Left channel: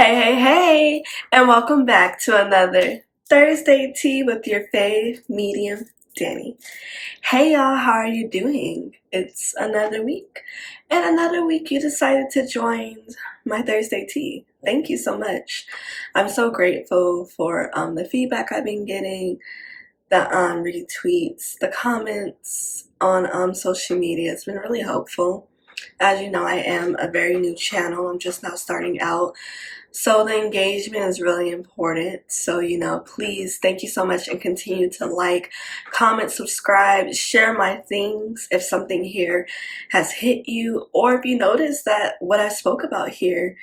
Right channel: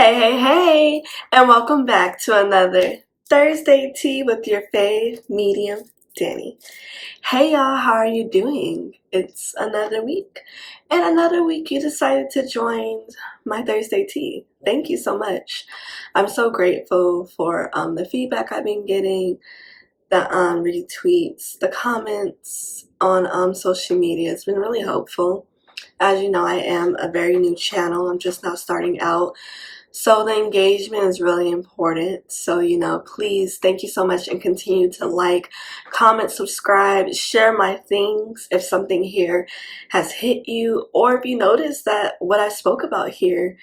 Hey, and welcome back to another Thursday Tea with your fave medium, Dani. Hey y'all, how are you doing? It's another week, and another week you decided to join my Thursday Tea. Thank you so much. I'm so grateful for the feedback I've been getting, the retweets, the comments on social media. It's been really helpful. As you know, I am a very new channel. I'm just now starting out. So the engagement is really important. So, please, thank you so much, and continue to like, comment, subscribe, share my things if something here has hit you, or if you notice that what I spoke about here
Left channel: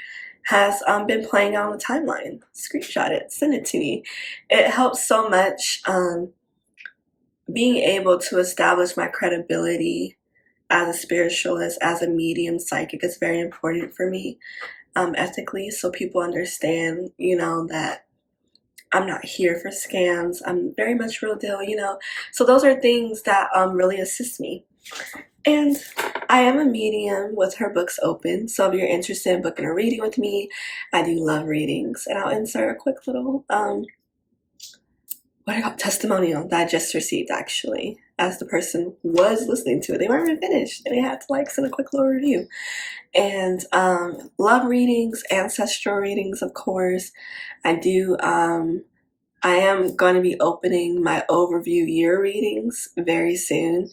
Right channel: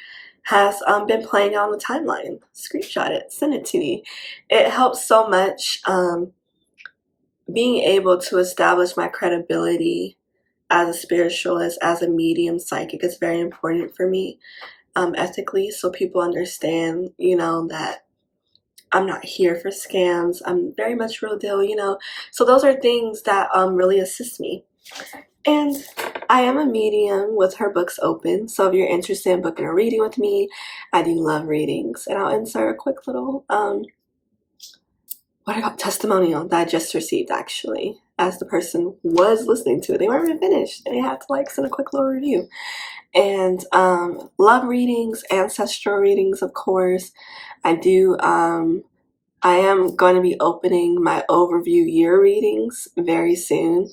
has been playing on the timeline. Screenshot it, send it to me. It helps so much. Being able to establish my credibility as a spiritualist, as a medium psychic is very important for me. Ethically, so people understand, that I'm not here for scams. I'm very much real deal, So those are things that really assist me. And I am a medium with her books open. So if you're interested in booking a reading with me, I do love readings. And I'll insert a quick little testimonial that I just received, actually, as the person was listening to it. They weren't even finished, and they had to send a quick little review. And love readings, ancestral readings, of course. I do. I am going to be opening my overview year readings very soon.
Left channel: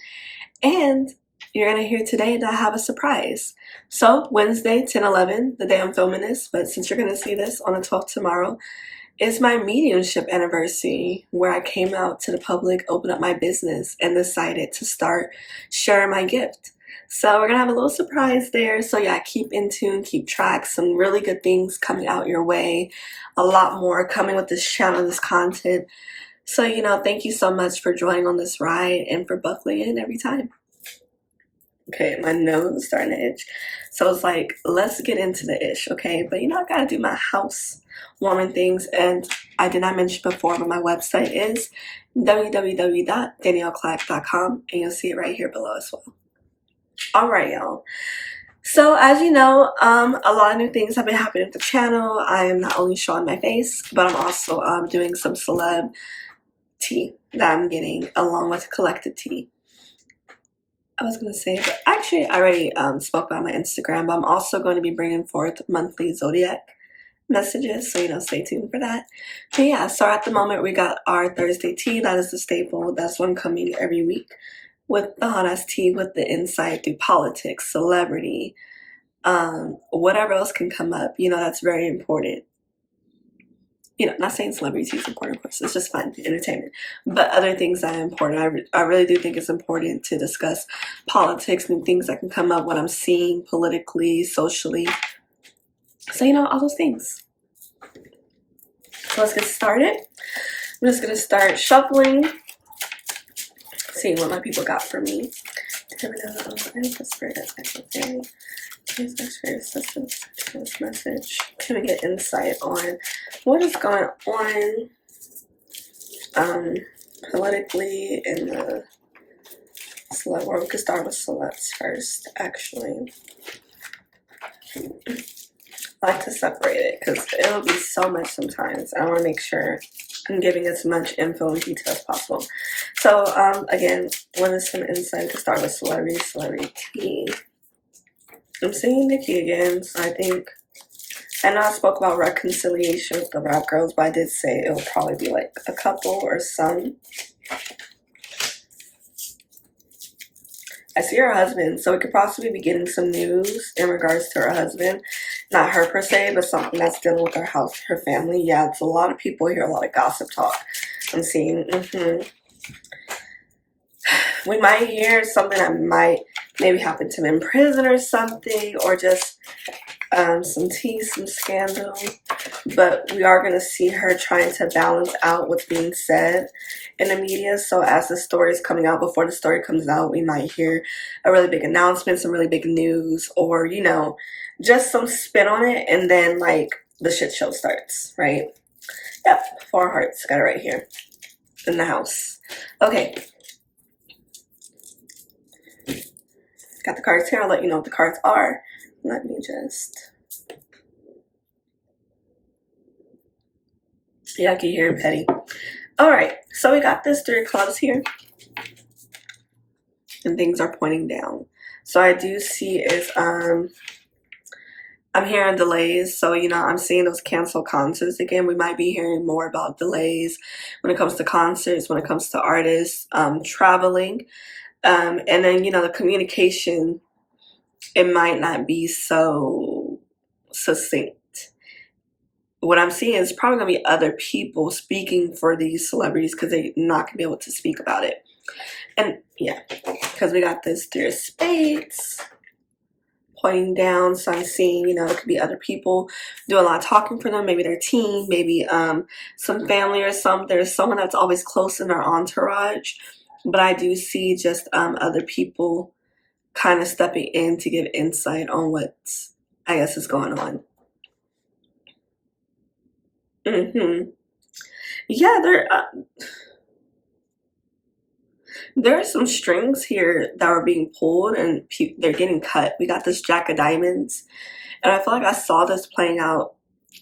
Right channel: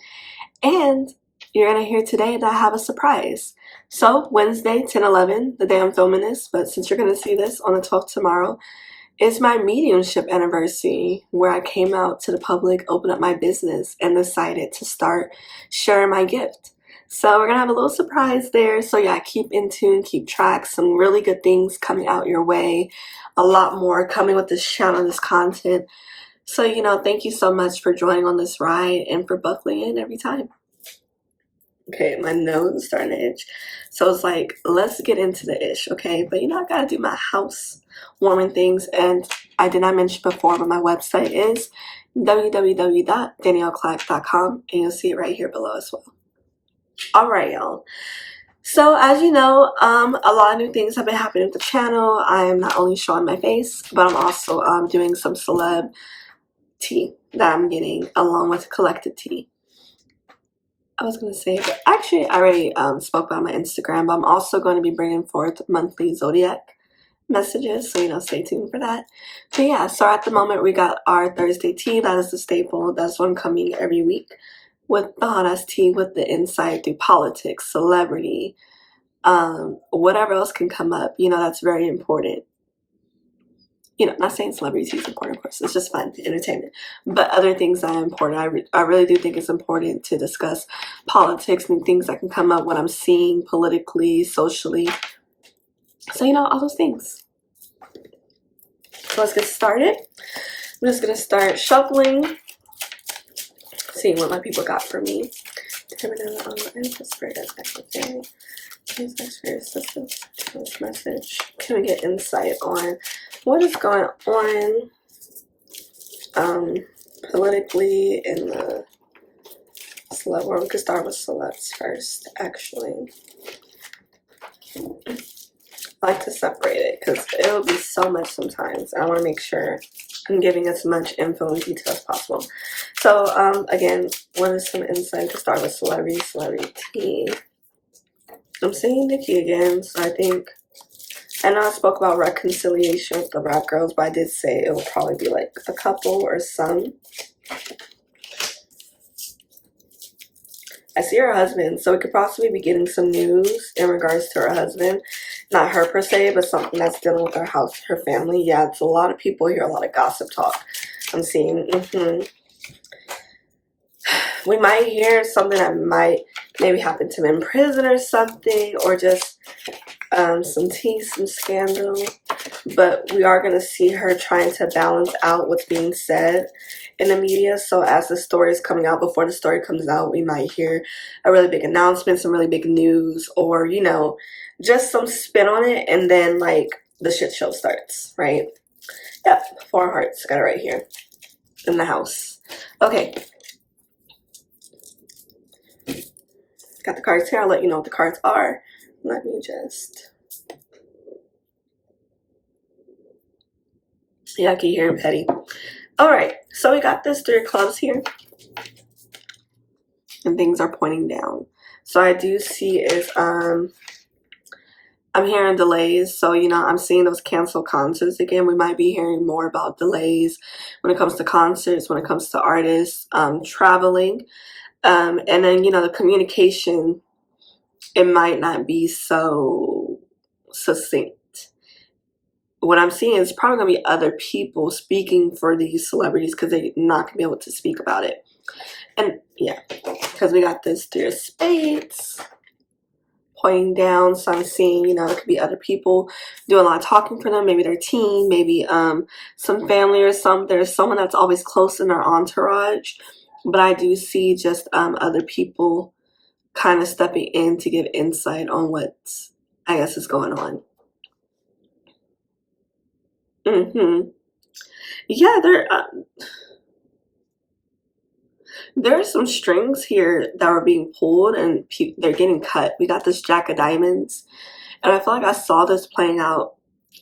And you're going to hear today that I have a surprise. So Wednesday, 10/11, the day I'm filming this, but since you're going to see this on the 12th tomorrow, is my mediumship anniversary, where I came out to the public, opened up my business, and decided to start sharing my gift. So we're gonna have a little surprise there. So yeah, keep in tune, keep track. Some really good things coming out your way. A lot more coming with this channel, this content. So thank you so much for joining on this ride and for buckling in every time. Okay, my nose is starting to itch. So it's like, let's get into the ish, okay? But I gotta do my house warming things. And I did not mention before, but my website is www.danielleclack.com, and you'll see it right here below as well. All right, y'all. So as you know, a lot of new things have been happening with the channel. I am not only showing my face, but I'm also doing some celeb tea that I'm getting along with collected tea. I was going to say, but actually I already spoke about my Instagram, but I'm also going to be bringing forth monthly zodiac messages, so stay tuned for that. But yeah, so at the moment we got our Thursday tea. That is the staple. That's one coming every week, with the hot tea, with the insight through politics, celebrity, whatever else can come up. That's very important. Not saying celebrity tea is important, of course. It's just fun, entertainment. But other things that are important. I really do think it's important to discuss politics and things that can come up, what I'm seeing politically, socially. So, all those things. So let's get started. I'm just going to start shuffling, seeing what my people got for me. Message. Can we get insight on what is going on politically in the celeb world? We could start with celebs first, actually. I like to separate it because it'll be so much sometimes. I want to make sure I'm giving as much info and detail as possible. So again, what is some insight to start with celebrity? I'm seeing Nikki again, so I know I spoke about reconciliation with the rap girls, but I did say it will probably be like a couple or some. I see her husband, so we could possibly be getting some news in regards to her husband. Not her per se, but something that's dealing with her house, her family. Yeah, it's a lot of people here, a lot of gossip talk. I'm seeing, we might hear something that might maybe happen to him in prison or something, or just some tea, some scandal. But we are going to see her trying to balance out what's being said in the media. So as the story is coming out, before the story comes out, we might hear a really big announcement, some really big news, or just some spin on it, and then the shit show starts, right? Yep, 4 hearts, got it right here in the house. Okay, got the cards here. I'll let you know what the cards are. Let me just Yeah, I can hear him petty. All right, so we got this 3 clubs here, and things are pointing down. So I do see is I'm hearing delays. So I'm seeing those canceled concerts again. We might be hearing more about delays when it comes to concerts, when it comes to artists traveling, and then the communication. It might not be so succinct. What I'm seeing is probably going to be other people speaking for these celebrities because they're not going to be able to speak about it. And yeah, because we got this 3 of spades pointing down. So I'm seeing, there could be other people doing a lot of talking for them. Maybe their team, maybe some family or there's someone that's always close in their entourage. But I do see just other people kind of stepping in to give insight on what I guess is going on. Yeah, there are some strings here that are being pulled and they're getting cut. We got this Jack of Diamonds, and I feel like I saw this playing out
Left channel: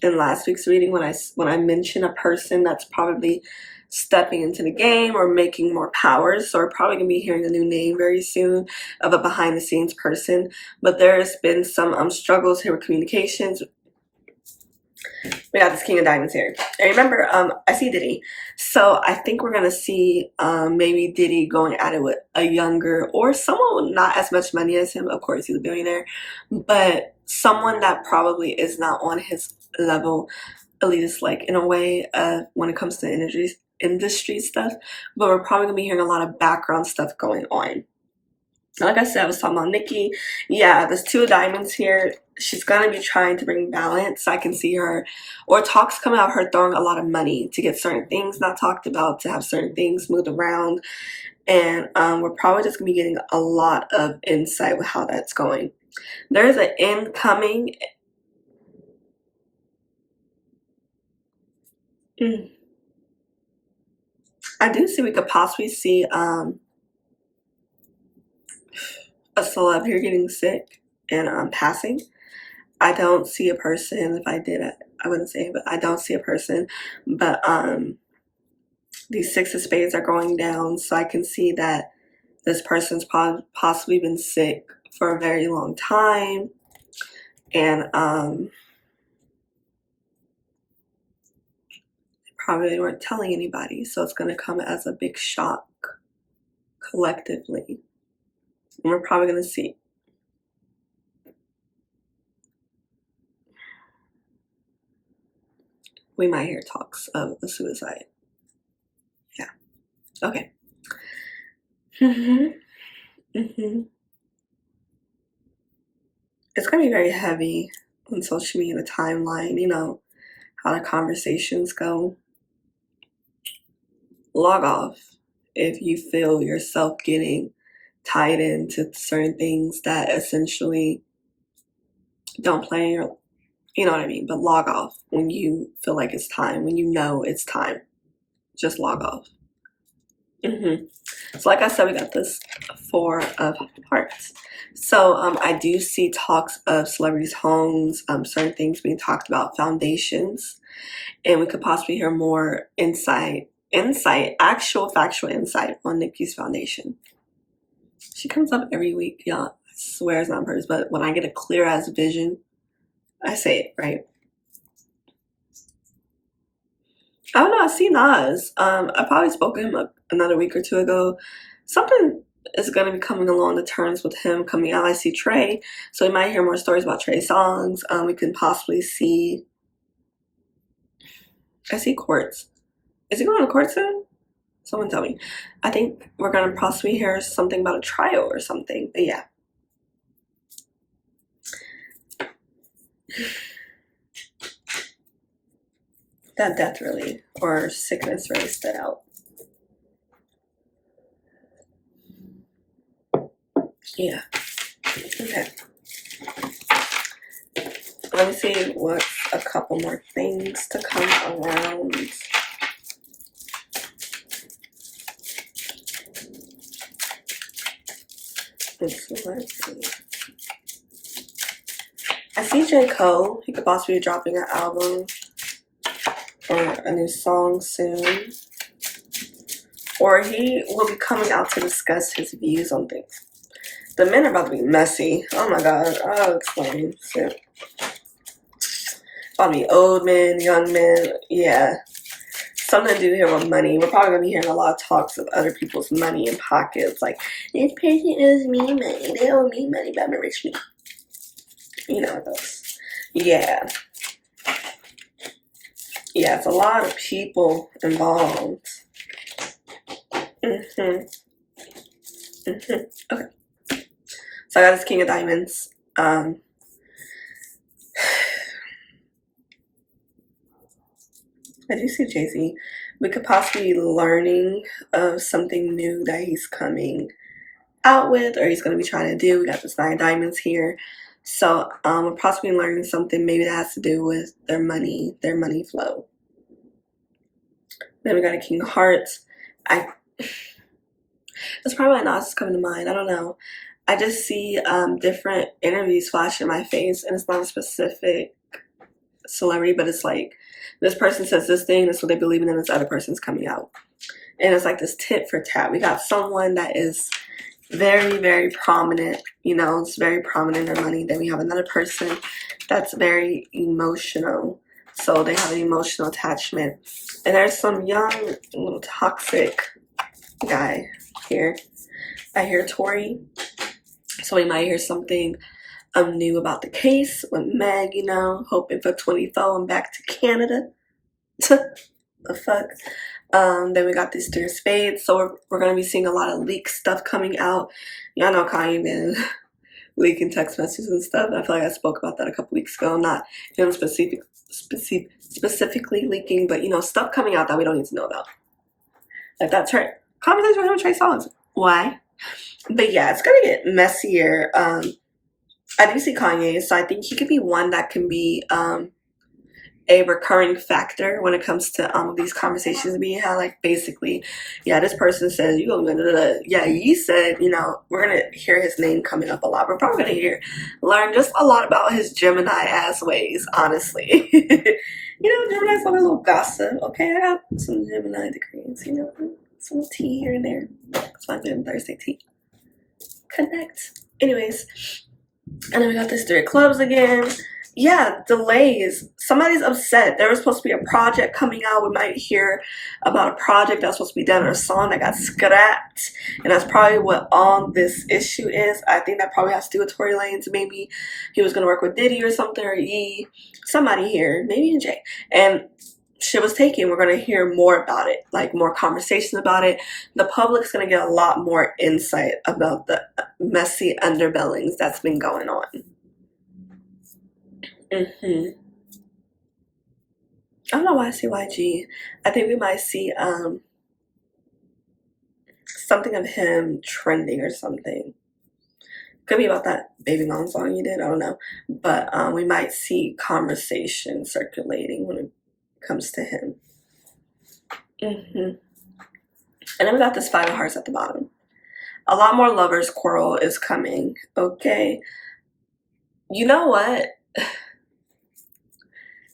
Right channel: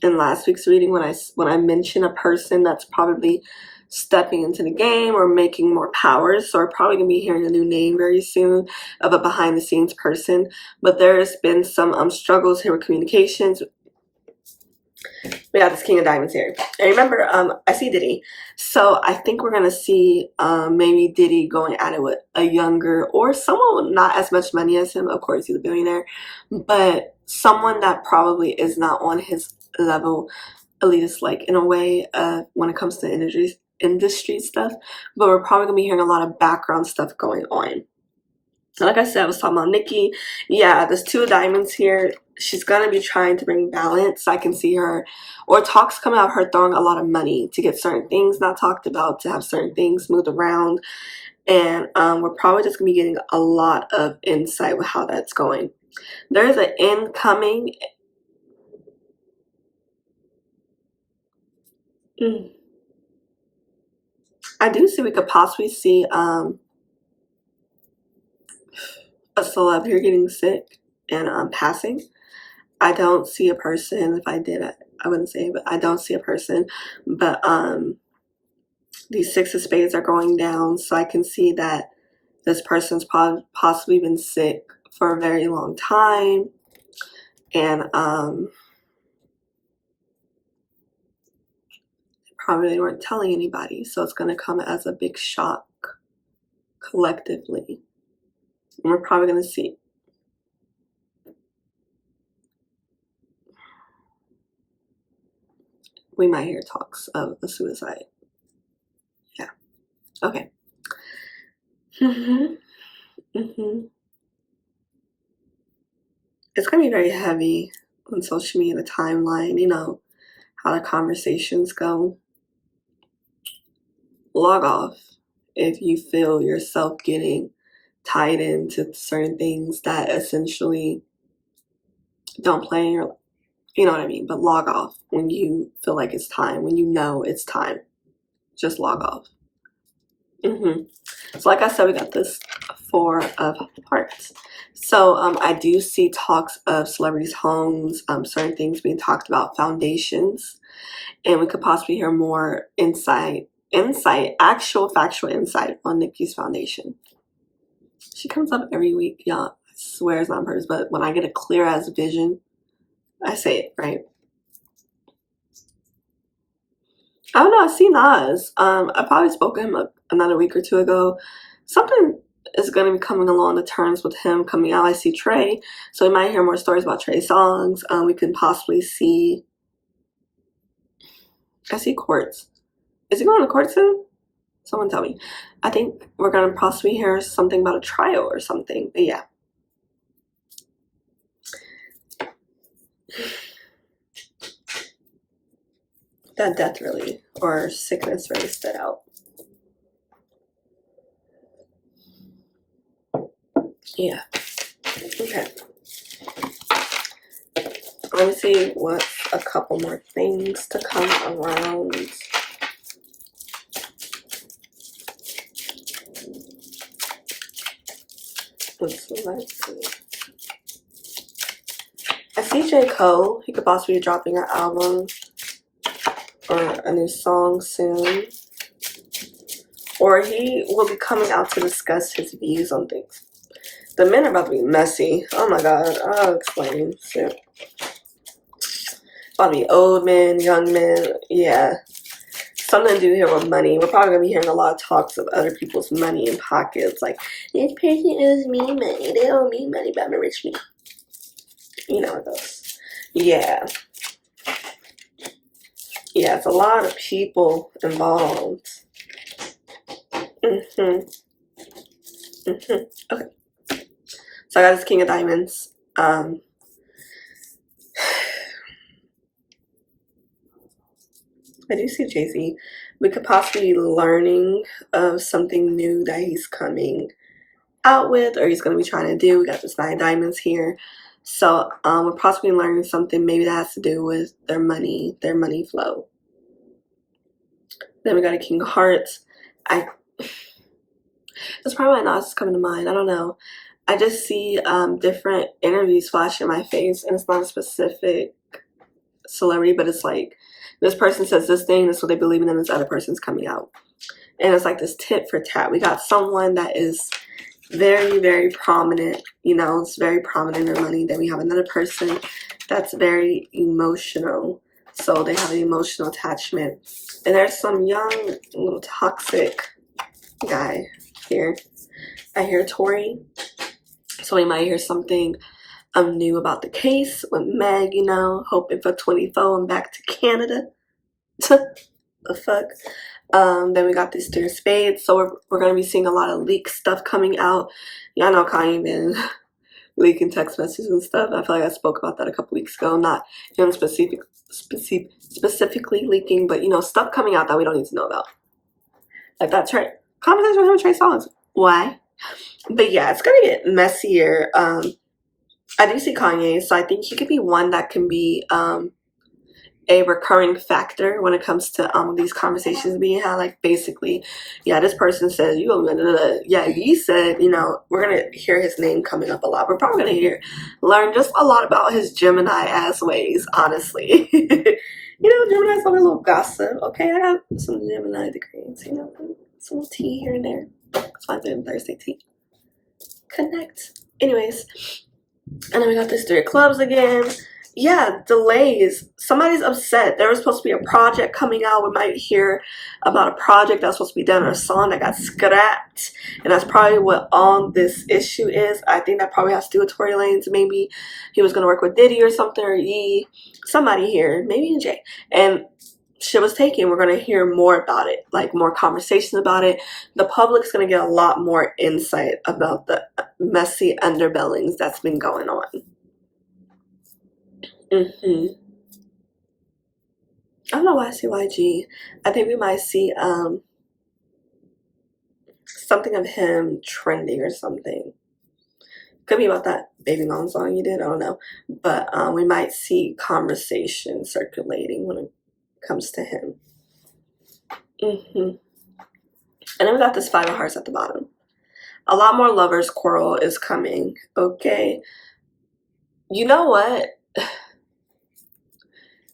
in last week's reading when I mentioned a person that's probably stepping into the game or making more powers. So we're probably gonna be hearing a new name very soon of a behind the scenes person. But there's been some struggles here with communications. We got this King of Diamonds here. And remember, I see Diddy. So I think we're going to see maybe Diddy going at it with a younger or someone with not as much money as him. Of course, he's a billionaire. But someone that probably is not on his level, elitist, like in a way, when it comes to industry stuff. But we're probably going to be hearing a lot of background stuff going on. Like I said, I was talking about Nikki. Yeah, there's 2 of diamonds here. She's going to be trying to bring balance. I can see her, or talks coming out of her throwing a lot of money to get certain things not talked about, to have certain things moved around. And we're probably just going to be getting a lot of insight with how that's going. There's an incoming. I do see we could possibly see a celeb here getting sick and passing. I don't see a person. If I did, I wouldn't say, but I don't see a person. But these 6 of spades are going down, so I can see that this person's possibly been sick for a very long time, and probably weren't telling anybody. So it's going to come as a big shock collectively. And we're probably going to see. We might hear talks of a suicide. Yeah. Okay. It's going to be very heavy on social media, the timeline, how the conversations go. Log off if you feel yourself getting tied into certain things that essentially don't play in your, you know what I mean? But log off when you feel like it's time, when you know it's time. Just log off. So like I said, we got this 4 of Hearts. So I do see talks of celebrities' homes, certain things being talked about, foundations, and we could possibly hear more actual factual insight on Nikki's foundation. She comes up every week, y'all. I swear it's not hers, but when I get a clear ass vision, I say it, right? I don't know. I see Nas. I probably spoke to him another week or 2 ago. Something is going to be coming along the terms with him coming out. I see Trey, so we might hear more stories about Trey songs. We can possibly see. I see Quartz. Is he going to court soon? Someone tell me. I think we're going to possibly hear something about a trial or something. But yeah. That death really, or sickness really stood out. Yeah. Okay. Let me see what a couple more things to come around. Let's see. I see J. Cole. He could possibly be dropping an album. or a new song soon. Or he will be coming out to discuss his views on things. The men are about to be messy. Oh my god, I'll explain. Shit. About to be old men, young men, yeah. Something to do here with money. We're probably gonna be hearing a lot of talks of other people's money in pockets. Like, this person owes me money. They owe me money, but I'm a rich man. You know what those. Yeah. Yeah, it's a lot of people involved. Okay. So I got this King of Diamonds. I do see Jay-Z. We could possibly be learning of something new that he's coming out with, or he's going to be trying to do. We got this 9 diamonds here. So we're possibly learning something maybe that has to do with their money flow. Then we got a King of Hearts. That's probably why not coming to mind. I don't know. I just see different interviews flash in my face, and it's not a specific celebrity, but it's like this person says this thing, that's what they believe in, and this other person's coming out. And it's like this tit for tat. We got someone that is very, very prominent, you know, it's very prominent in their money. Then we have another person that's very emotional. So they have an emotional attachment. And there's some young, little toxic guy here. I hear Tori. So we might hear something new about the case with Meg, you know, hoping for 24 and back to Canada. The fuck. Then we got these 3 of spades. So we're going to be seeing a lot of leak stuff coming out. Y'all know Kanye been leaking text messages and stuff. I feel like I spoke about that a couple weeks ago. Not specifically leaking, but, you know, stuff coming out that we don't need to know about. Like that conversation with him and Trey Songz. Why? But yeah, it's going to get messier. I do see Kanye, so I think he could be one that can be a recurring factor when it comes to these conversations being had. Like, basically, yeah, this person says, you go, yeah, he said, you know, we're going to hear his name coming up a lot. We're probably going to learn just a lot about his Gemini-ass ways, honestly. You know, Gemini's like a little gossip. Okay, I have some Gemini degrees, you know, some little tea here and there. That's why I'm doing Thursday tea. Connect. Anyways, and then we got this 3 of clubs again. Yeah, delays. Somebody's upset. There was supposed to be a project coming out. We might hear about a project that was supposed to be done, or a song that got scrapped. And that's probably what all this issue is. I think that probably has to do with Tory Lanez. Maybe he was going to work with Diddy or something, or somebody here, maybe Jay. And shit was taken. We're going to hear more about it, like more conversations about it. The public's going to get a lot more insight about the messy underbellings that's been going on. I don't know why I see YG. I think we might see something of him trending or something. Could be about that Baby Mom song you did. I don't know. But we might see conversation circulating when it comes to him. And then we got this 5 of Hearts at the bottom. A lot more lovers quarrel is coming. Okay. You know what?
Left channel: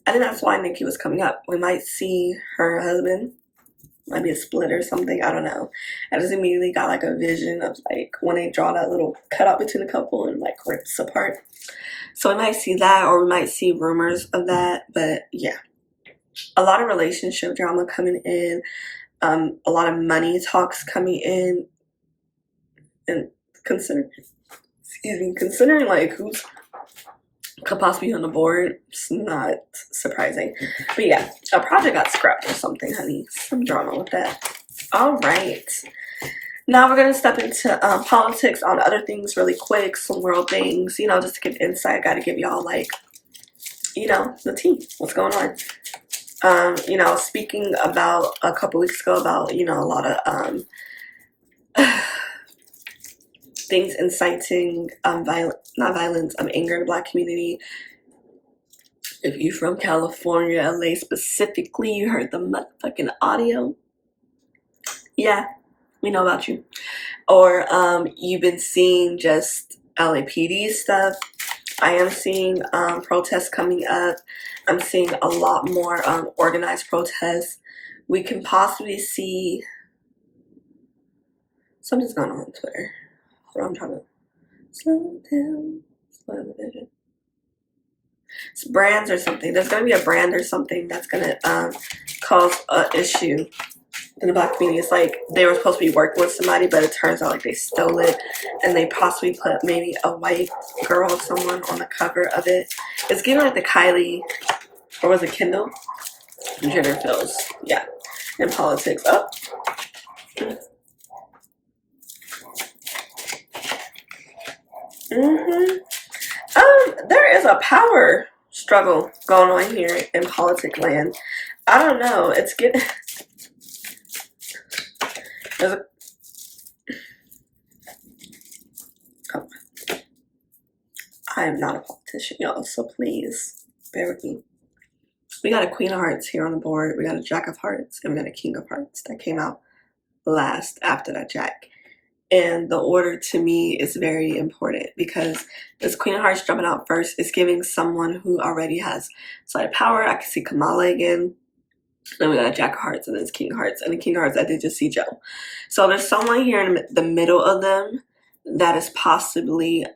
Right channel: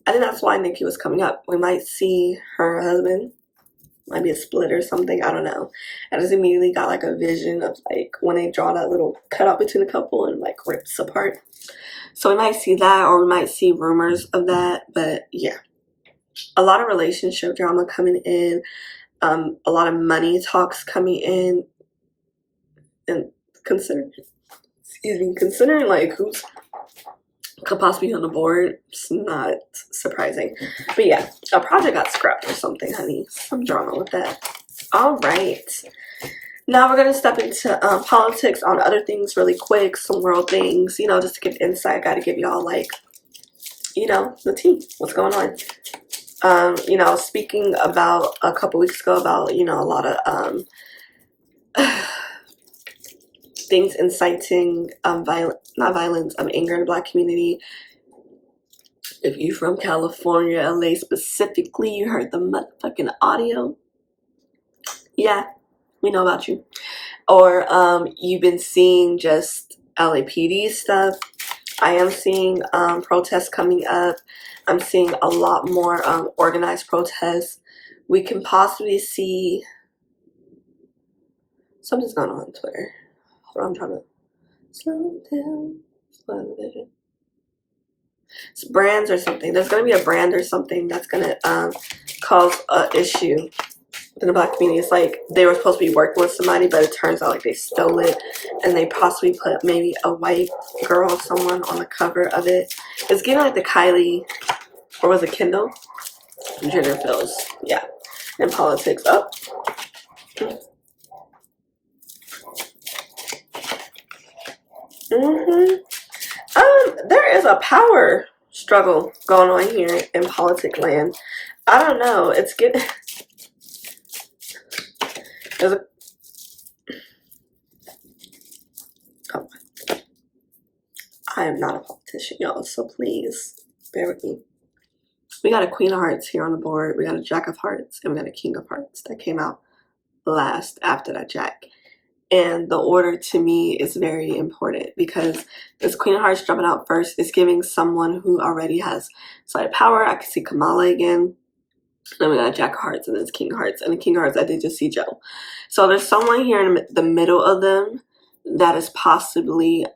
I think that's why Nicki was coming up. We might see her husband. Might be a split or something. I don't know. I just immediately got like a vision of like when they draw that little cutout between the couple and like rips apart. So we might see that, or we might see rumors of that. But yeah, a lot of relationship drama coming in. A lot of money talks coming in. And considering like who's could possibly be on the board, it's not surprising. But yeah, a project got scrapped or something, honey. Some drama with that. All right. Now we're going to step into politics on other things really quick, some world things, you know, just to give insight. I got to give y'all, like, you know, the tea. What's going on? You know, speaking about a couple weeks ago about, you know, a lot of things inciting anger in the Black community. If you're from California, LA specifically, you heard the motherfucking audio. Yeah, we know about you. Or you've been seeing just LAPD stuff. I am seeing protests coming up. I'm seeing a lot more organized protests. We can possibly see something's going on Twitter. Hold on, I'm trying to slow down the vision. It's brands or something. There's going to be a brand or something that's going to cause an issue in the Black community. It's like they were supposed to be working with somebody, but it turns out like they stole it, and they possibly put maybe a white girl or someone on the cover of it. It's giving like the Kylie, or was it Kendall? Jenner feels, yeah, in politics. Up. There is a power struggle going on here in politic land. I don't know. It's getting. There's a. Oh. I am not a politician, y'all, so please bear with me. We got a Queen of Hearts here on the board. We got a Jack of Hearts, and we got a King of Hearts that came out last after that Jack. And the order to me is very important because this Queen of Hearts jumping out first is giving someone who already has slight power. I can see Kamala again. Then we got a Jack of Hearts, and then it's King of Hearts. And the King of Hearts, I did just see Joe. So there's someone here in the middle of them that is possibly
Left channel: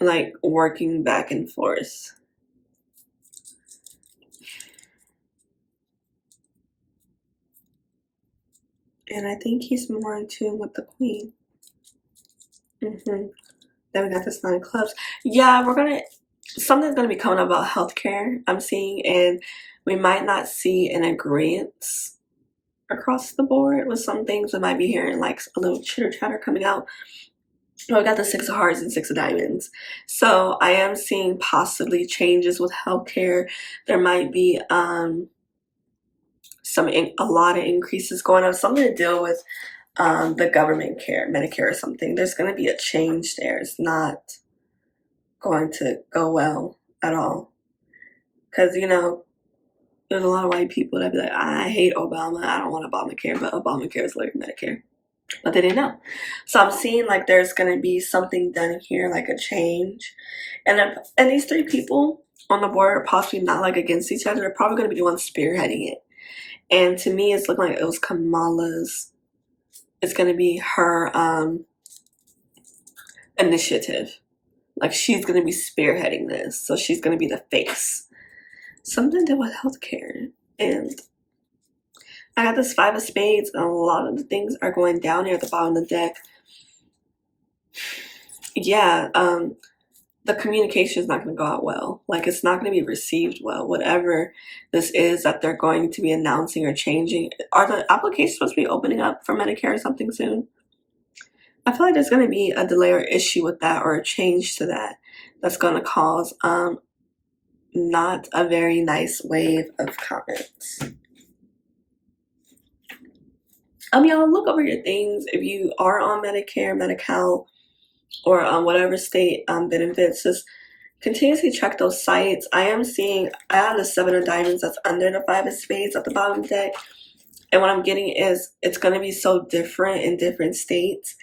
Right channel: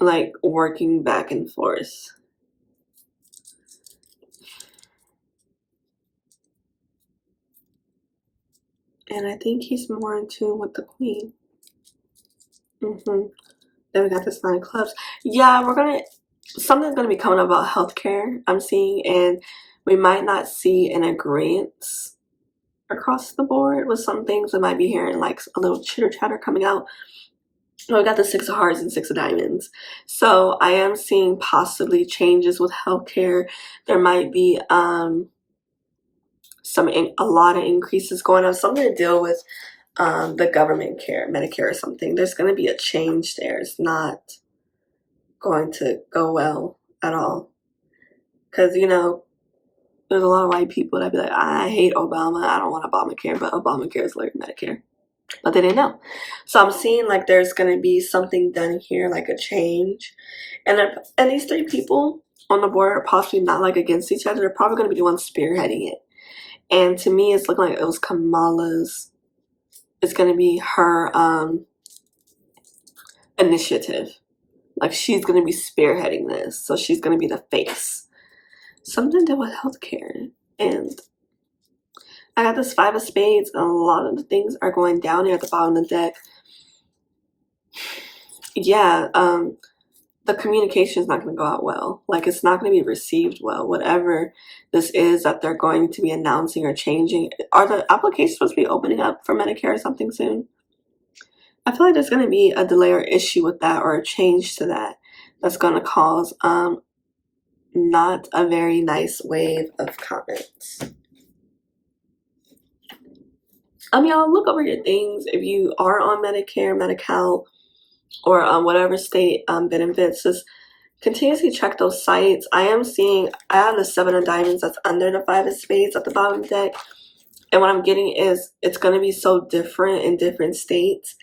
like working back and forth. And I think he's more in tune with the Queen. Then we got this 9 clubs. Yeah, something's gonna be coming up about healthcare, I'm seeing, and we might not see an agreement across the board with some things. We might be hearing like a little chitter chatter coming out. Oh, we got the 6 of Hearts and 6 of Diamonds. So I am seeing possibly changes with healthcare. There might be a lot of increases going on, something to deal with the government care, Medicare or something. There's going to be a change there. It's not going to go well at all. Because, there's a lot of white people that be like, I hate Obama. I don't want Obamacare, but Obamacare is like Medicare. But they didn't know. So I'm seeing like there's going to be something done here, like a change. And these 3 people on the board are possibly not like against each other. They're probably going to be the ones spearheading it. And to me, it's looking like it was Kamala's. It's going to be her initiative. Like she's going to be spearheading this. So she's going to be the face. Something to do with healthcare. And I got this 5 of Spades, and a lot of the things are going down here at the bottom of the deck. Yeah, the communication is not going to go out well. Like, it's not going to be received well. Whatever this is that they're going to be announcing or changing. Are the applications supposed to be opening up for Medicare or something soon? I feel like there's going to be a delay or issue with that, or a change to that, that's going to cause not a very nice wave of comments. Y'all, look over your things. If you are on Medicare, Medi-Cal, or whatever state benefits, just continuously check those sites. I have the 7 of Diamonds that's under the 5 of Spades at the bottom of the deck. And what I'm getting is it's going to be so different in different states.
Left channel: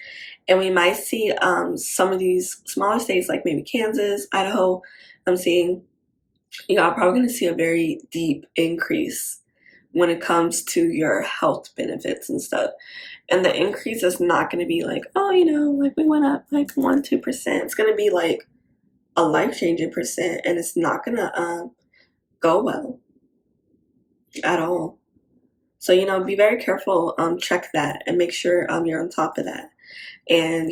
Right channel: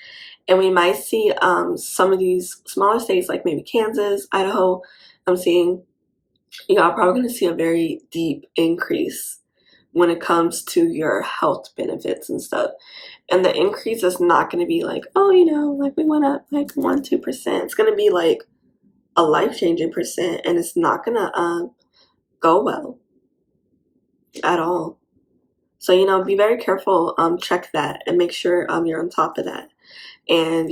And we might see some of these smaller states, like maybe Kansas, Idaho, I'm seeing, I'm probably going to see a very deep increase when it comes to your health benefits and stuff. And the increase is not going to be like, like we went up like 1-2%. It's going to be like a life-changing percent, and it's not going to go well at all. So, be very careful, check that, and make sure you're on top of that. And,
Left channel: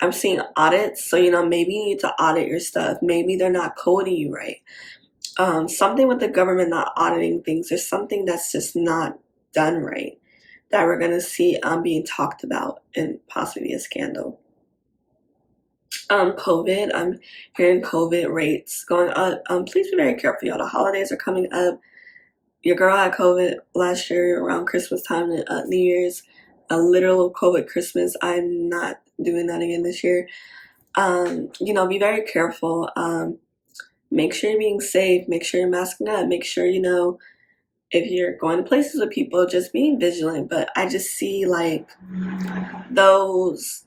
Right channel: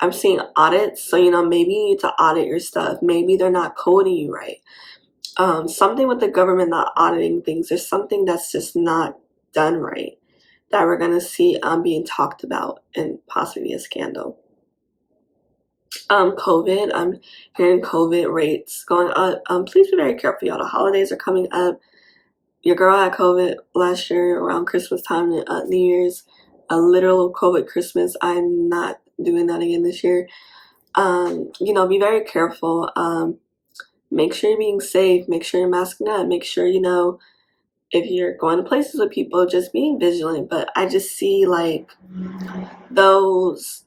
I'm seeing audits, so, maybe you need to audit your stuff. Maybe they're not coding you right. Something with the government not auditing things. There's something that's just not done right that we're going to see being talked about and possibly a scandal. COVID, I'm hearing COVID rates going up. Please be very careful, y'all. The holidays are coming up. Your girl had COVID last year around Christmas time and New Year's. A literal COVID Christmas. I'm not doing that again this year. Be very careful. Make sure you're being safe. Make sure you're masking up. Make sure, if you're going to places with people, just being vigilant. But I just see like those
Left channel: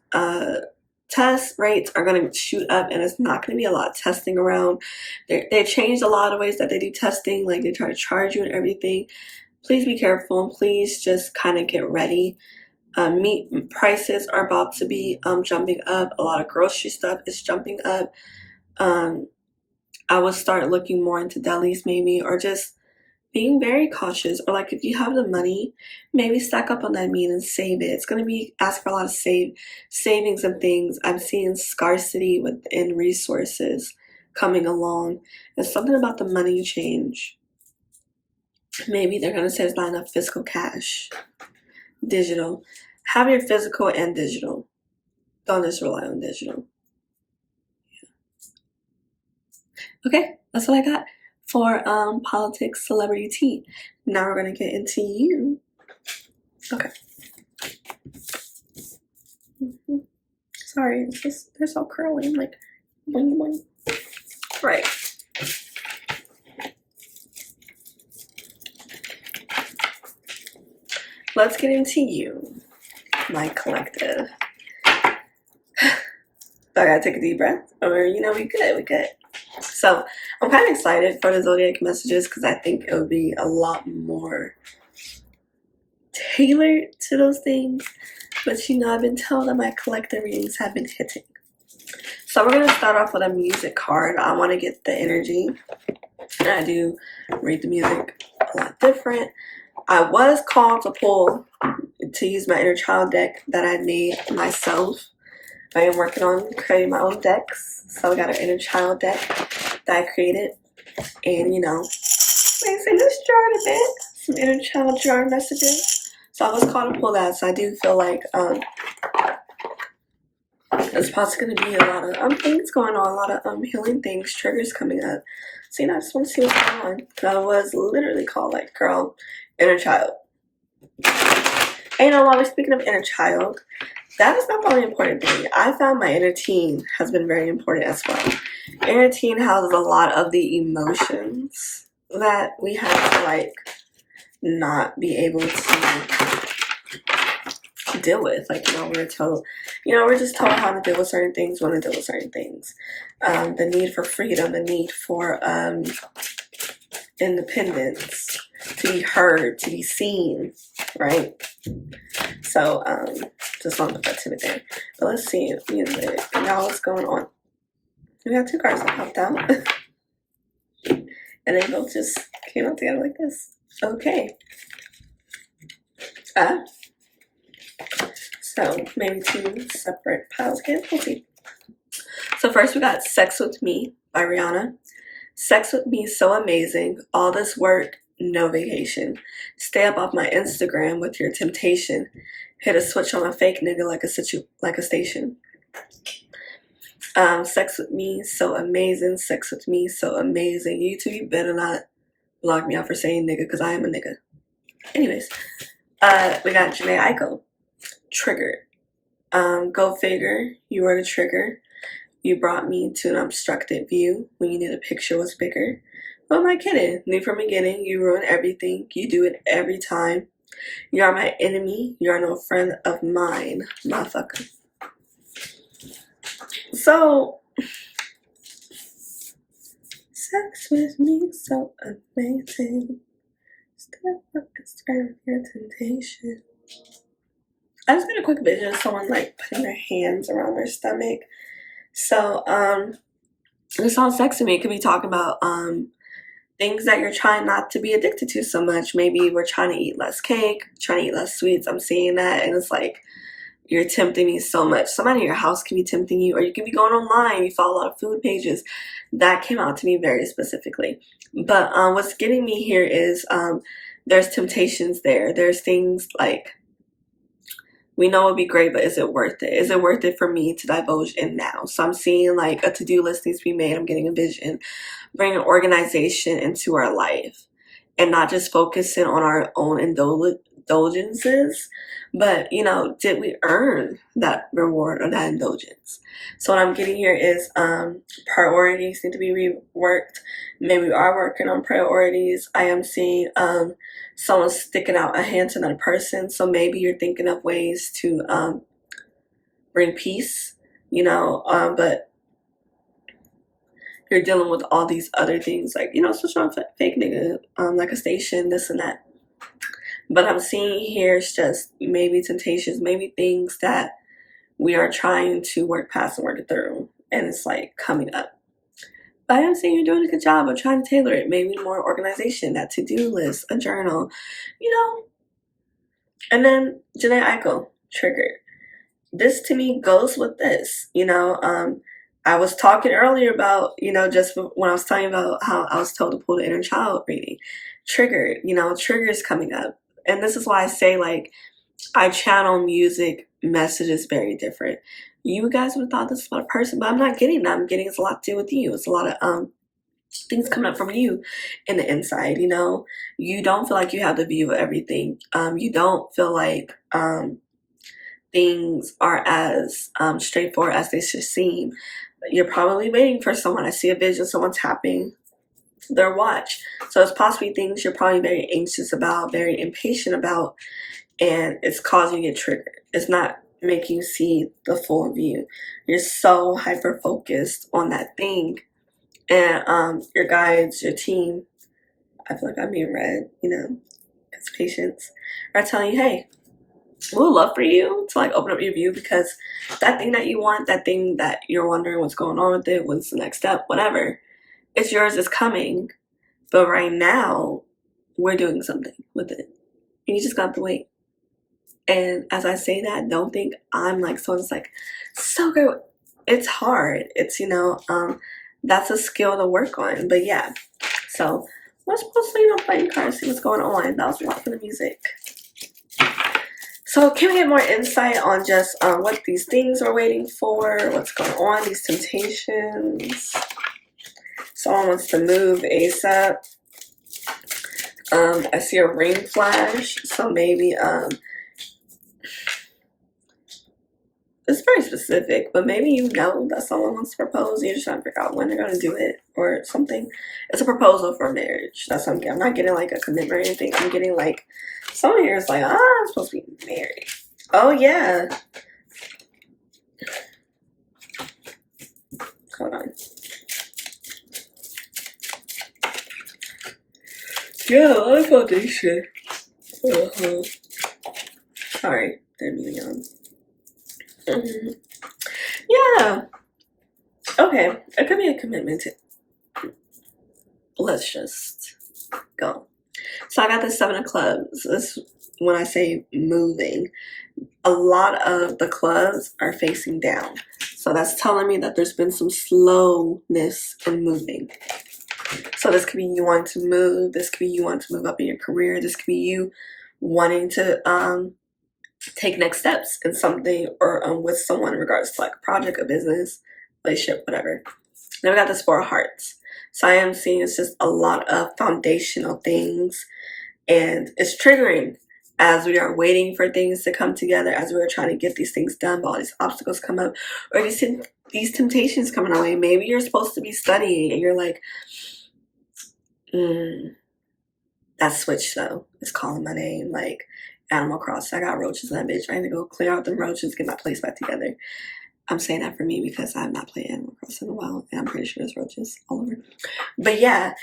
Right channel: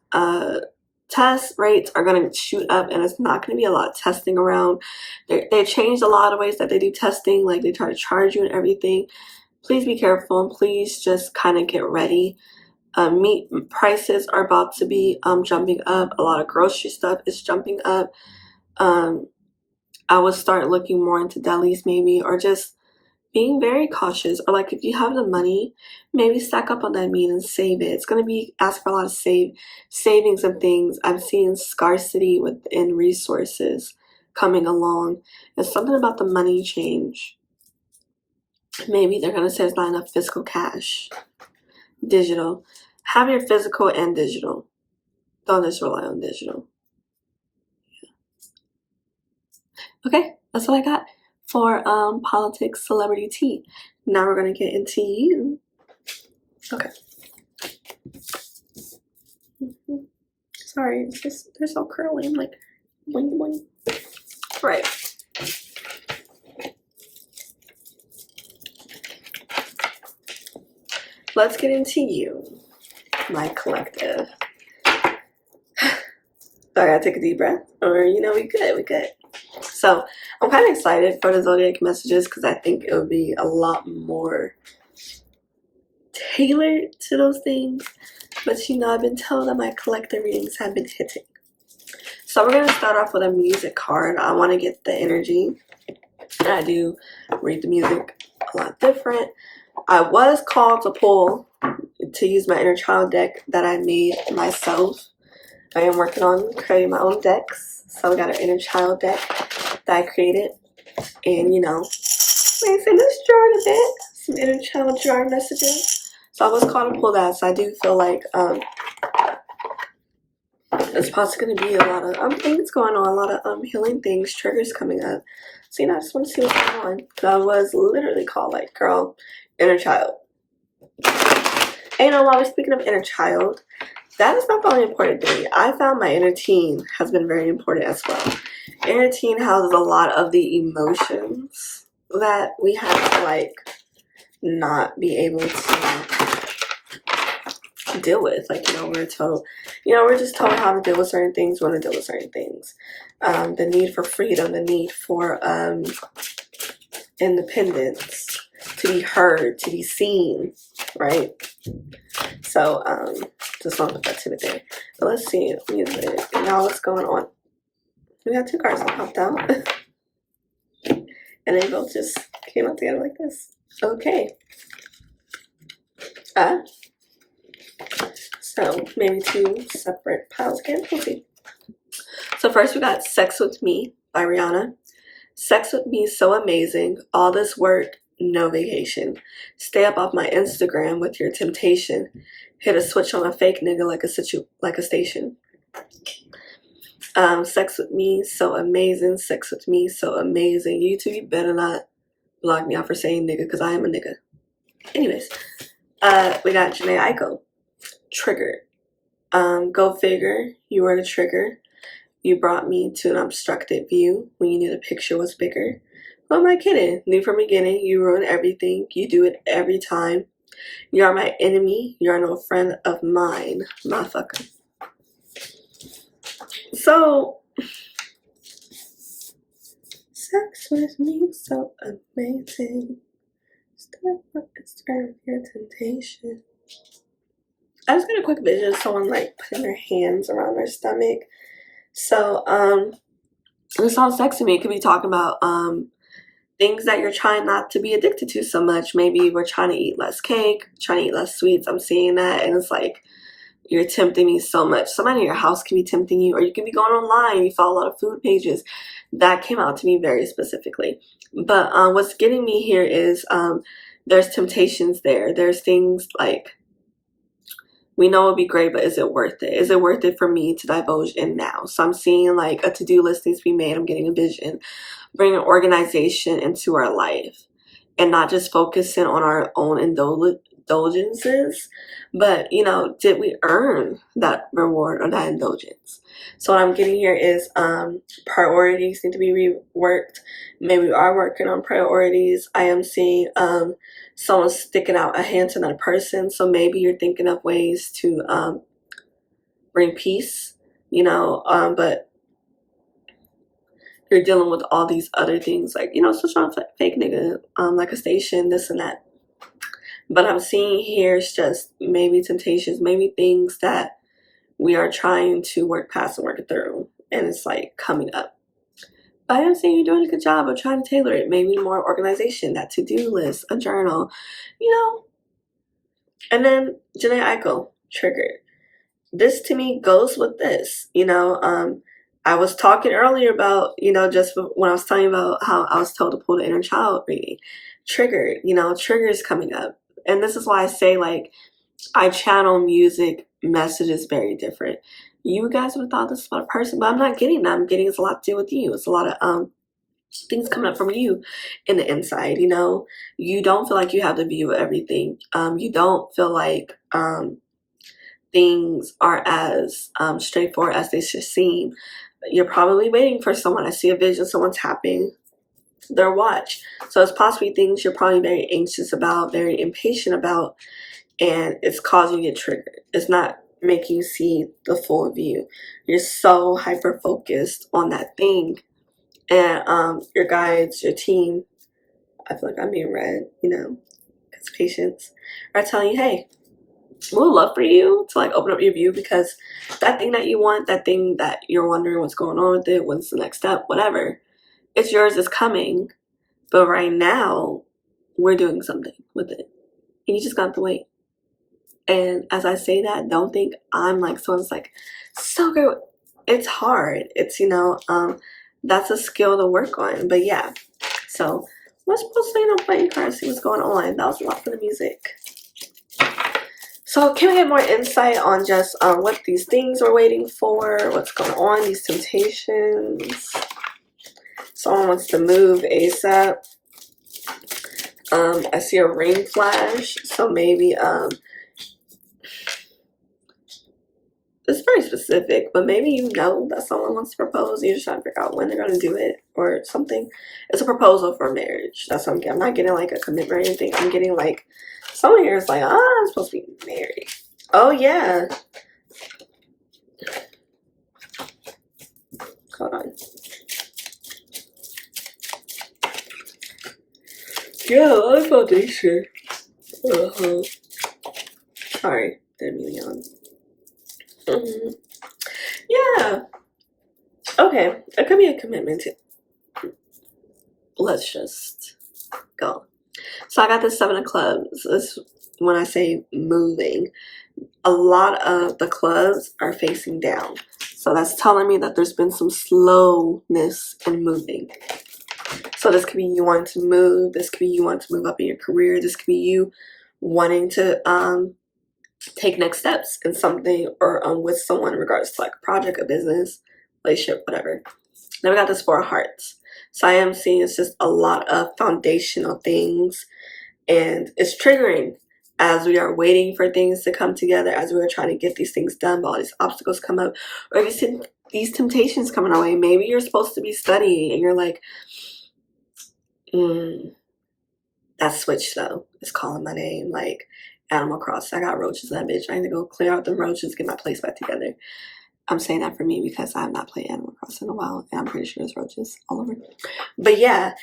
test rates are going to shoot up, and it's not going to be a lot of testing around. They changed a lot of ways that they do testing, like they try to charge you and everything. Please be careful, and please just kind of get ready. Meat prices are about to be jumping up. A lot of grocery stuff is jumping up. I would start looking more into delis maybe, or just being very cautious. Or like if you have the money, maybe stack up on that meat and save it. It's going to be ask for a lot of savings of things. I'm seeing scarcity within resources coming along. And something about the money change. Maybe they're going to say there's not enough physical cash. Digital. Have your physical and digital. Don't just rely on digital. Okay, that's what I got for politics, celebrity tea. Now we're gonna get into you. Okay. Sorry, it's just they're so curly. I'm like, boing boing. Right. Let's get into you, my collective. So I gotta take a deep breath, or we good. So I'm kind of excited for the zodiac messages because I think it would be a lot more tailored to those things. But I've been told that my collective readings have been hitting. So we're gonna start off with a music card. I want to get the energy. I do read the music a lot different. I was called to use my inner child deck that I made myself. I am working on creating my own decks. So we got our inner child deck that I created. And let's jar a bit. Some inner child jar messages. So I was called to pull that. So I do feel like there's possibly going to be a lot of things going on, a lot of healing things, triggers coming up. So I just want to see what's going on. I was literally called like, girl, inner child. And while we're speaking of inner child, that is not the only important thing. I found my inner teen has been very important as well. Inner teen houses a lot of the emotions that we have to like not be able to deal with. Like, we're told, we're just told how to deal with certain things, when to deal with certain things. The need for freedom, the need for independence, to be heard, to be seen, right? So, just want to put that to there. But let's see, music. Now what's going on? We got two cards that popped out. And they both just came out together like this. Okay. So maybe two separate piles again. We'll see. So first we got Sex With Me by Rihanna. Sex with me so amazing. All this work, no vacation. Stay up off my Instagram with your temptation. Hit a switch on a fake nigga like a station. Sex with me so amazing. Sex with me so amazing. You better not block me out for saying nigga because I am a nigga. Anyways, we got Janae Aiko. Triggered. Go figure. You were the trigger. You brought me to an obstructed view when you knew the picture was bigger. Who am I kidding? Knew from the beginning, you ruin everything. You do it every time. You are my enemy. You are no friend of mine, motherfucker. So, sex with me so amazing. Step up Instagram with your temptation. I just got a quick vision of someone like putting their hands around their stomach. So, this sounds sex to me. It could be talking about things that you're trying not to be addicted to so much. Maybe we're trying to eat less cake, trying to eat less sweets. I'm seeing that, and it's like you're tempting me so much. Somebody in your house can be tempting you, or you can be going online. You follow a lot of food pages. That came out to me very specifically. But what's getting me here is there's temptations there. There's things like, we know it'd be great, but is it worth it? Is it worth it for me to divulge in now? So I'm seeing like a to-do list needs to be made. I'm getting a vision, bringing organization into our life, and not just focusing on our own indulgences, but did we earn that reward or that indulgence? So what I'm getting here is priorities need to be reworked. Maybe we are working on priorities. I am seeing someone sticking out a hand to another person. So maybe you're thinking of ways to bring peace. but you're dealing with all these other things, like, switch on fake nigga, like a station, this and that. But I'm seeing here is just maybe temptations, maybe things that we are trying to work past and work it through, and it's like coming up. But I am saying you're doing a good job of trying to tailor it, maybe more organization, that to-do list, a journal, And then Janae Eichel, triggered. This to me goes with this, I was talking earlier about, just when I was telling you about how I was told to pull the inner child reading. Triggered, triggers coming up. And this is why I say, like, I channel music messages very different. You guys would have thought this about a person, but I'm not getting that. I'm getting it's a lot to do with you. It's a lot of things coming up from you in the inside. You don't feel like you have the view of everything. You don't feel like things are as straightforward as they should seem. You're probably waiting for someone. I see a vision, someone tapping their watch. So it's possibly things you're probably very anxious about, very impatient about, and it's causing you to get triggered. It's not making you see the full view. You're so hyper focused on that thing, and your guides, your team, I feel like I'm being read, as patients are telling you, hey, we would love for you to like open up your view, because that thing that you want, that thing that you're wondering what's going on with it, what's the next step, whatever, it's yours, it's coming. But right now, we're doing something with it. And you just got to wait. And as I say that, don't think I'm like someone's like so good. It's hard. It's that's a skill to work on. But yeah. So we're supposed to playing cards, see what's going on. That was a lot for the music. So can we get more insight on just what these things we're waiting for, what's going on, these temptations? Someone wants to move ASAP. I see a ring flash, so maybe it's very specific, but maybe that someone wants to propose. You're just trying to figure out when they're going to do it or something. It's a proposal for marriage. That's what I'm getting. I'm not getting like a commitment or anything. I'm getting like, someone here is like, I'm supposed to be married. Oh, yeah. Hold on. Yeah, a lot of foundation. Sorry, didn't mean on. Yeah. Okay, it could be a commitment to. Let's just go. So I got the 7 of clubs. This, when I say moving, a lot of the clubs are facing down. So that's telling me that there's been some slowness in moving. So this could be you wanting to move. This could be you wanting to move up in your career. This could be you wanting to take next steps in something or with someone in regards to like a project, a business, relationship, whatever. Then we got this 4 of hearts. So I am seeing it's just a lot of foundational things, and it's triggering as we are waiting for things to come together, as we are trying to get these things done, but all these obstacles come up, or these temptations coming our way. Maybe you're supposed to be studying and you're like, that switch though is calling my name, like Animal Crossing. I got roaches in that bitch. I need to go clear out them roaches, get my place back together. I'm saying that for me because I have not played Animal Crossing in a while, and I'm pretty sure there's roaches all over. But yeah,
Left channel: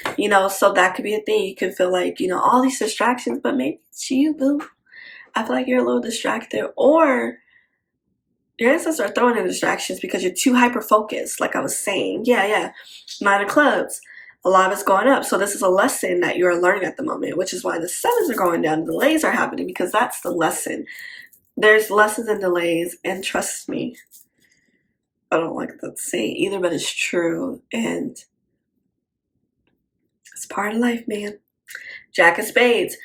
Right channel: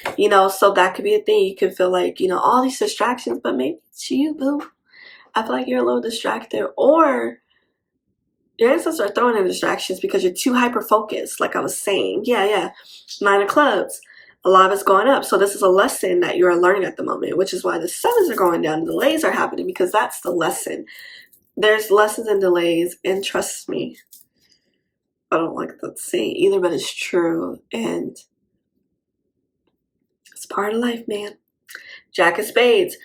so that could be a thing. You could feel like, all these distractions, but maybe it's you, boo. I feel like you're a little distracted, or your ancestors are throwing in distractions because you're too hyper-focused, like I was saying. Yeah. 9 of clubs. A lot of it's going up. So this is a lesson that you're learning at the moment, which is why the 7s are going down. The delays are happening because that's the lesson. There's lessons and delays, and trust me, I don't like that saying either, but it's true, and it's part of life, man. Jack of Spades.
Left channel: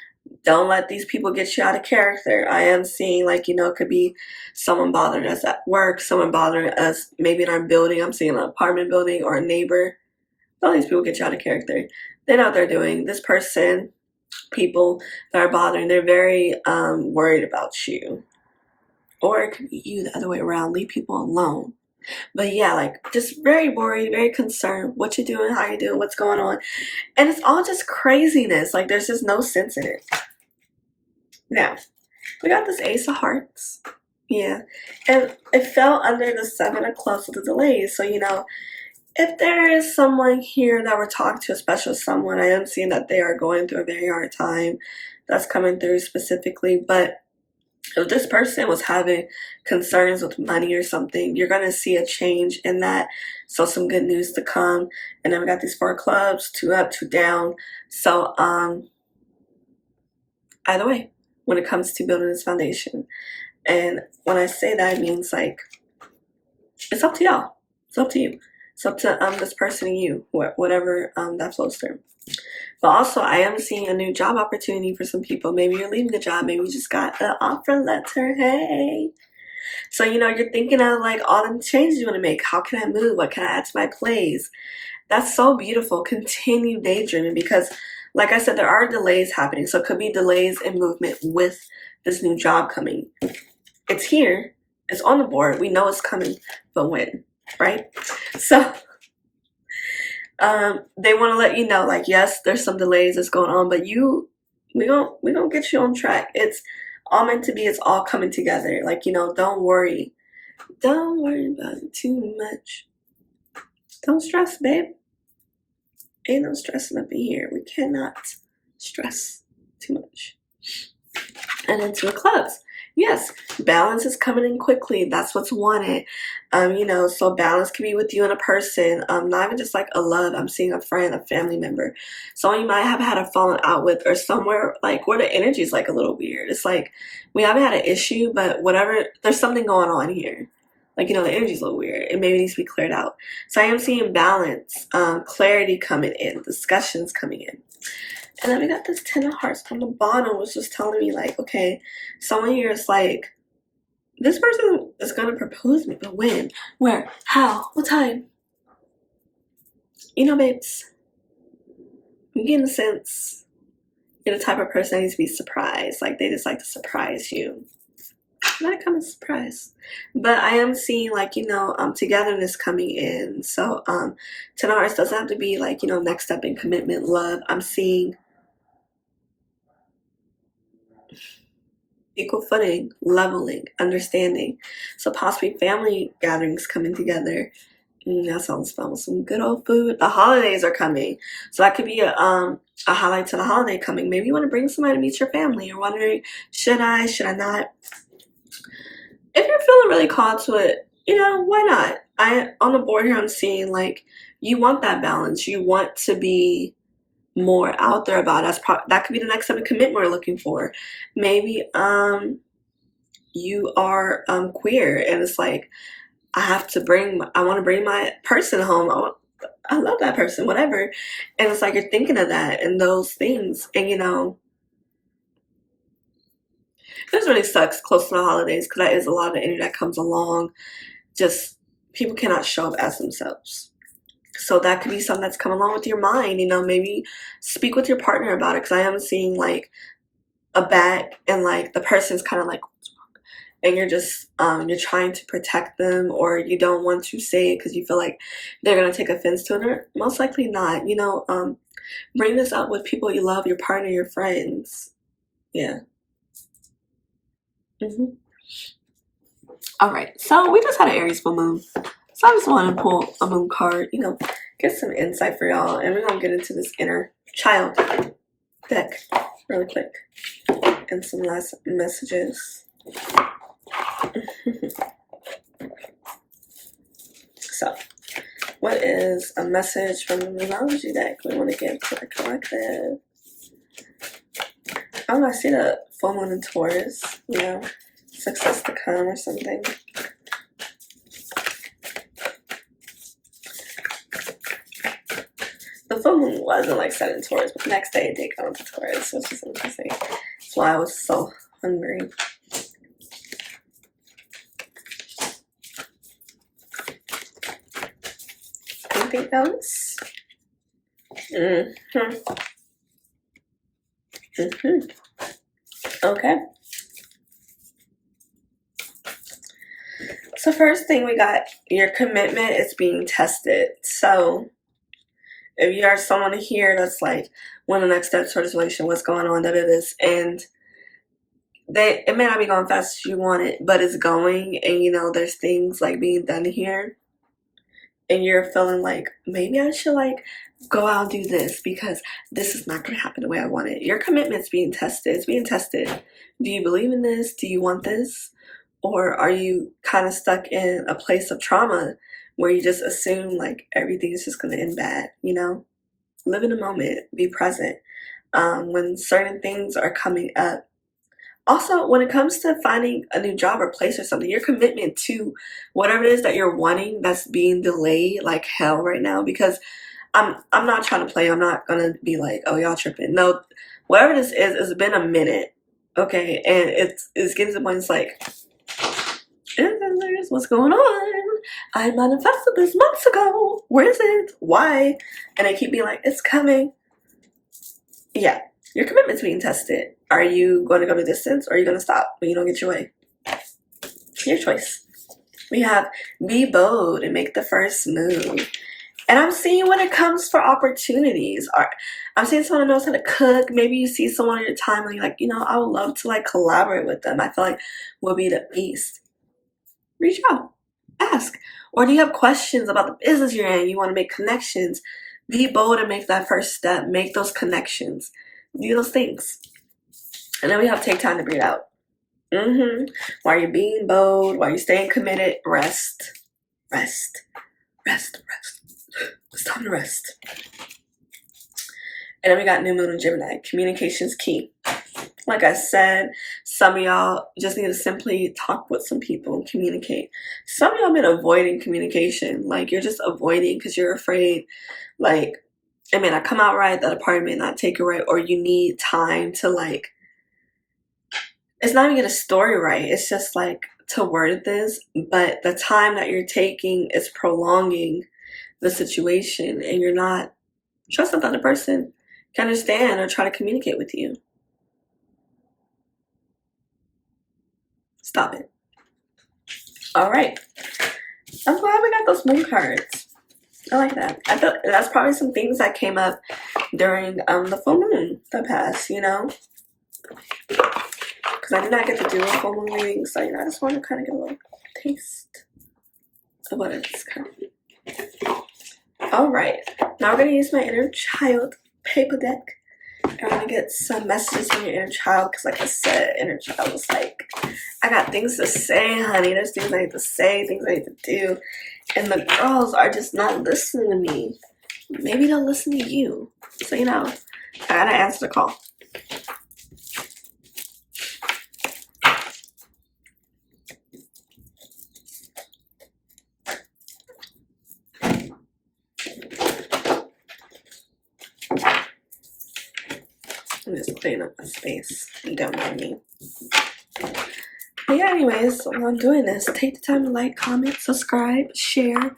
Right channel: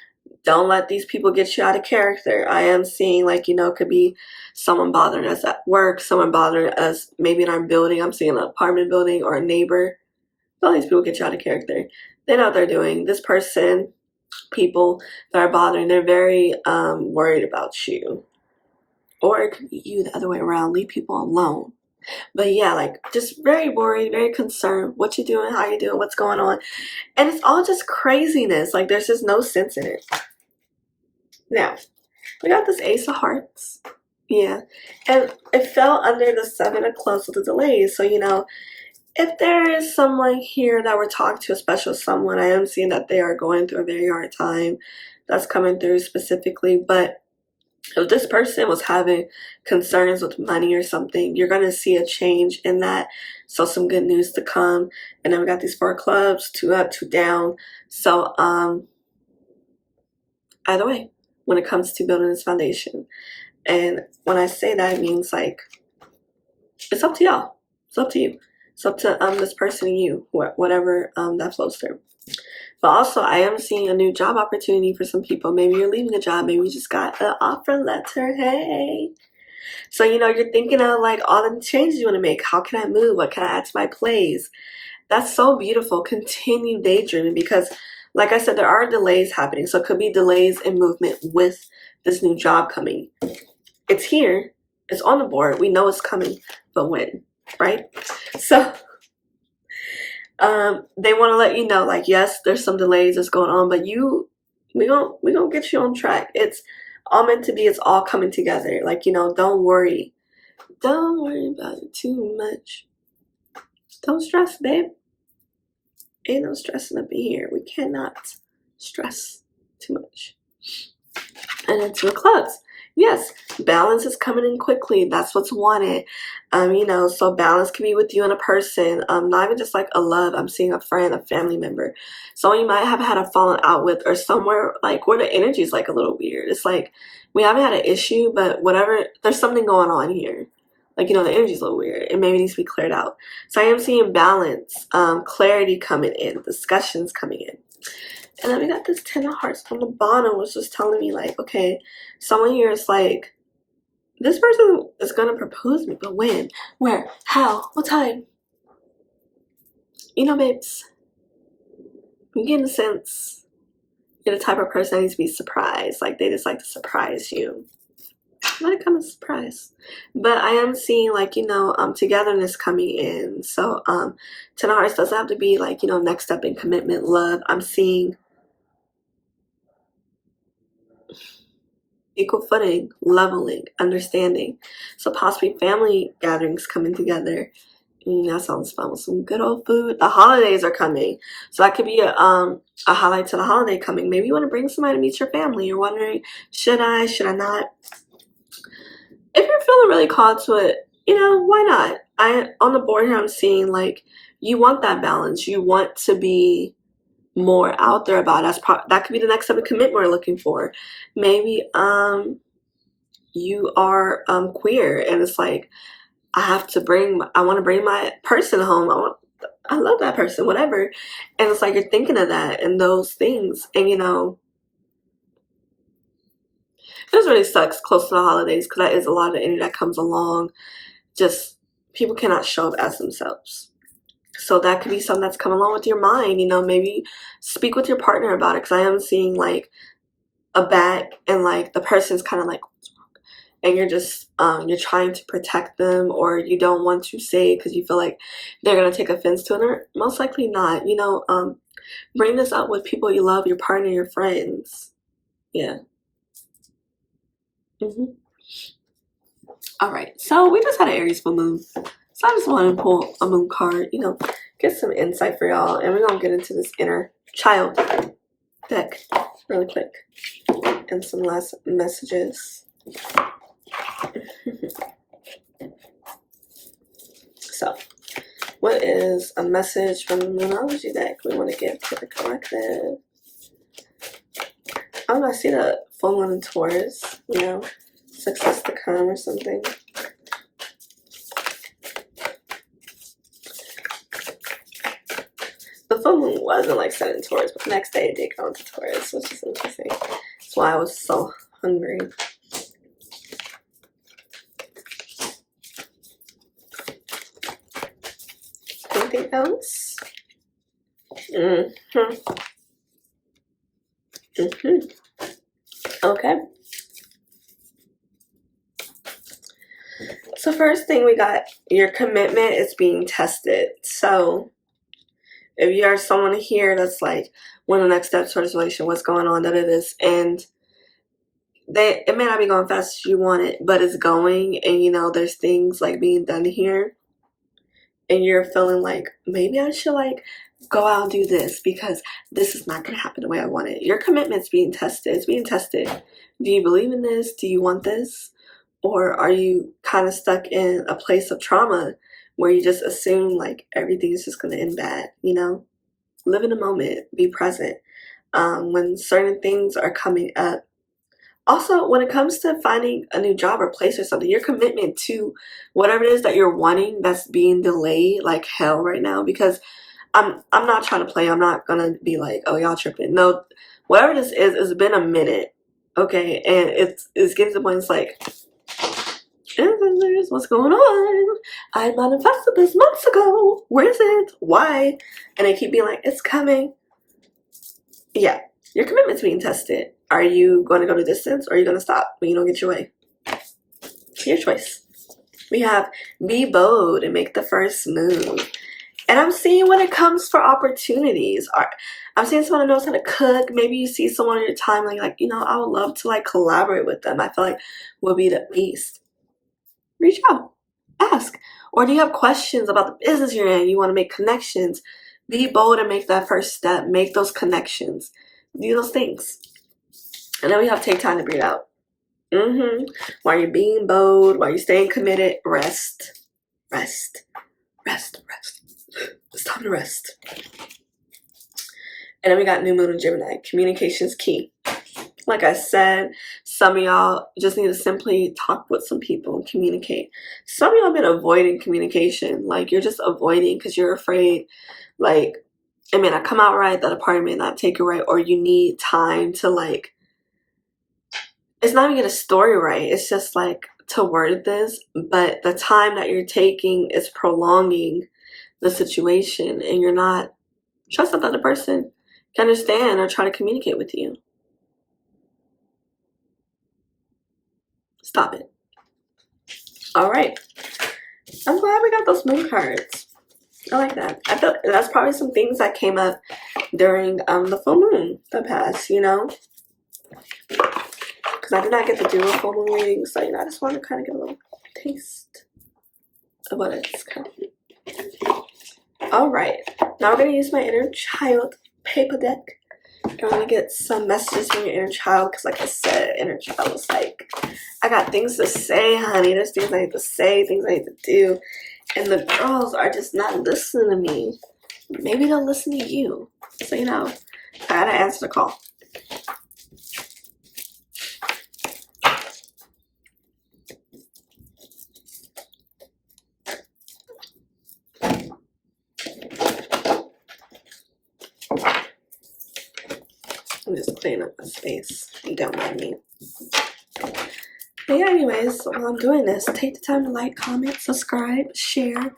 Don't let these people get you out of character. I am seeing could be someone bothering us at work, someone bothering us maybe in our building. I'm seeing an apartment building or a neighbor. Don't let these people get you out of character. They know what they're doing. This person, people that are bothering, they're very worried about you. Or it could be you the other way around. Leave people alone. But yeah, just very worried, very concerned. What you doing, how you doing, what's going on. And it's all just craziness. There's just no sense in it. Now, we got this Ace of Hearts. Yeah. And it fell under the 7 of clubs with the delays. So, if there is someone here that we're talking to, a special someone, I am seeing that they are going through a very hard time. That's coming through specifically. But if this person was having concerns with money or something, you're going to see a change in that. So some good news to come. And then we got these 4 clubs, 2 up, 2 down. So either way, when it comes to building this foundation. And when I say that, it means like it's up to y'all. It's up to you. It's up to this person and you, whatever that flows through. But also, I am seeing a new job opportunity for some people. Maybe you're leaving a job. Maybe you just got an offer letter. Hey. So, you're thinking of like all the changes you want to make. How can I move? What can I add to my plays? That's so beautiful. Continue daydreaming because, like I said, there are delays happening. So it could be delays in movement with this new job coming. It's here. It's on the board. We know it's coming. But when? Right? So they want to let you know, like, yes, there's some delays that's going on, but we gonna get you on track. It's all meant to be. It's all coming together. Like, don't worry. Don't worry about it too much. Don't stress, babe. Ain't no stressing up in here. We cannot stress too much. And then 2 of clubs. Yes, balance is coming in quickly. That's what's wanted. So balance can be with you and a person. Not even just like a love. I'm seeing a friend, a family member. Someone you might have had a falling out with, or somewhere like where the energy is like a little weird. It's like we haven't had an issue, but whatever, there's something going on here. Like, the energy's a little weird. It maybe needs to be cleared out. So I am seeing balance, clarity coming in, discussions coming in. And then we got this 10 of hearts on the bottom, which was telling me like, okay, someone here is like, this person is going to propose to me, but when? Where? How? What time? Babes, I'm getting the sense you're the type of person that needs to be surprised. Like, they just like to surprise you. Let it come as a surprise. But I am seeing like, togetherness coming in. So 10 of hearts doesn't have to be like, next step in commitment, love. I'm seeing equal footing, leveling, understanding. So possibly family gatherings coming together. That sounds fun with some good old food. The holidays are coming. So that could be a highlight to the holiday coming. Maybe you want to bring somebody to meet your family. You're wondering, should I not? If you're feeling really called to it, why not? On the board here, I'm seeing like you want that balance. You want to be more out there about it. That could be the next type of commitment we're looking for. Maybe you are queer and it's like I want to bring my person home. I love that person, whatever. And it's like you're thinking of that and those things. And this really sucks close to the holidays because that is a lot of energy that comes along. Just people cannot show up as themselves. So that could be something that's coming along with your mind. Maybe speak with your partner about it because I am seeing like a back and like the person's kind of like, and you're just you're trying to protect them, or you don't want to say it because you feel like they're gonna take offense to it, or most likely not. Bring this up with people you love, your partner, your friends. Yeah. All right, so we just had an Aries full moon, so I just want to pull a moon card, get some insight for y'all, and we're gonna get into this inner child deck really quick and some last messages. So, what is a message from the Moonology deck we want to give to the collective? Oh, I see the full moon in Taurus, success to come or something. The full moon wasn't like set in Taurus, but the next day it did go into Taurus, which is interesting. That's why I was so hungry. Anything else? Okay. So first thing we got, your commitment is being tested. So if you are someone here that's like, when the next step towards relation, what's going on, that it is, and it may not be going fast as you want it, but it's going, and you know there's things like being done here, and you're feeling like maybe I should like go out and do this because this is not going to happen the way I want it. Your commitment's being tested. It's being tested. Do you believe in this? Do you want this? Or are you kind of stuck in a place of trauma where you just assume like everything is just going to end bad, you know? Live in the moment, be present. When certain things are coming up. Also, when it comes to finding a new job or place or something, your commitment to whatever it is that you're wanting that's being delayed like hell right now, because I'm not trying to play. I'm not gonna be like, oh y'all tripping. No, whatever this is, it's been a minute, okay, and it's getting to the point. It's like, what's going on? I manifested this months ago. Where is it? Why? And they keep being like, it's coming. Yeah, your commitment's being tested. Are you going to go the distance, or are you going to stop when you don't get your way? Your choice. We have be bold and make the first move. And I'm seeing when it comes for opportunities, I'm seeing someone who knows how to cook. Maybe you see someone on your timeline, like, you know, I would love to like collaborate with them. I feel like we'll be the beast. Reach out, ask. Or do you have questions about the business you're in? You want to make connections. Be bold and make that first step. Make those connections. Do those things. And then we have take time to breathe out. While you're being bold, while you're staying committed, rest. Rest. Rest. Rest. It's time to rest. And then we got New Moon in Gemini. Communication's key. Like I said, some of y'all just need to simply talk with some people and communicate. Some of y'all been avoiding communication. Like, you're just avoiding because you're afraid, like, it may not come out right, that a party may not take it right, or you need time to, like, it's not even get a story right. It's just, like, to word this, but the time that you're taking is prolonging the situation, and you're not trusting that the person can understand or try to communicate with you. Stop it. All right. I'm glad we got those moon cards. I like that. I feel that's probably some things that came up during the full moon that passed, you know? Because I did not get to do a full moon reading, so, you know, I just want to kind of get a little taste of what it's kind of. All right. Now we're going to use my inner child paper deck. I'm going to get some messages from your inner child, because like I said, inner child is like, I got things to say, honey. There's things I need to say, things I need to do. And the girls are just not listening to me. Maybe they'll listen to you. So, you know, I got to answer the call. I'm just cleaning up my space. You don't mind me. But yeah, anyways, while I'm doing this, take the time to like, comment, subscribe, share.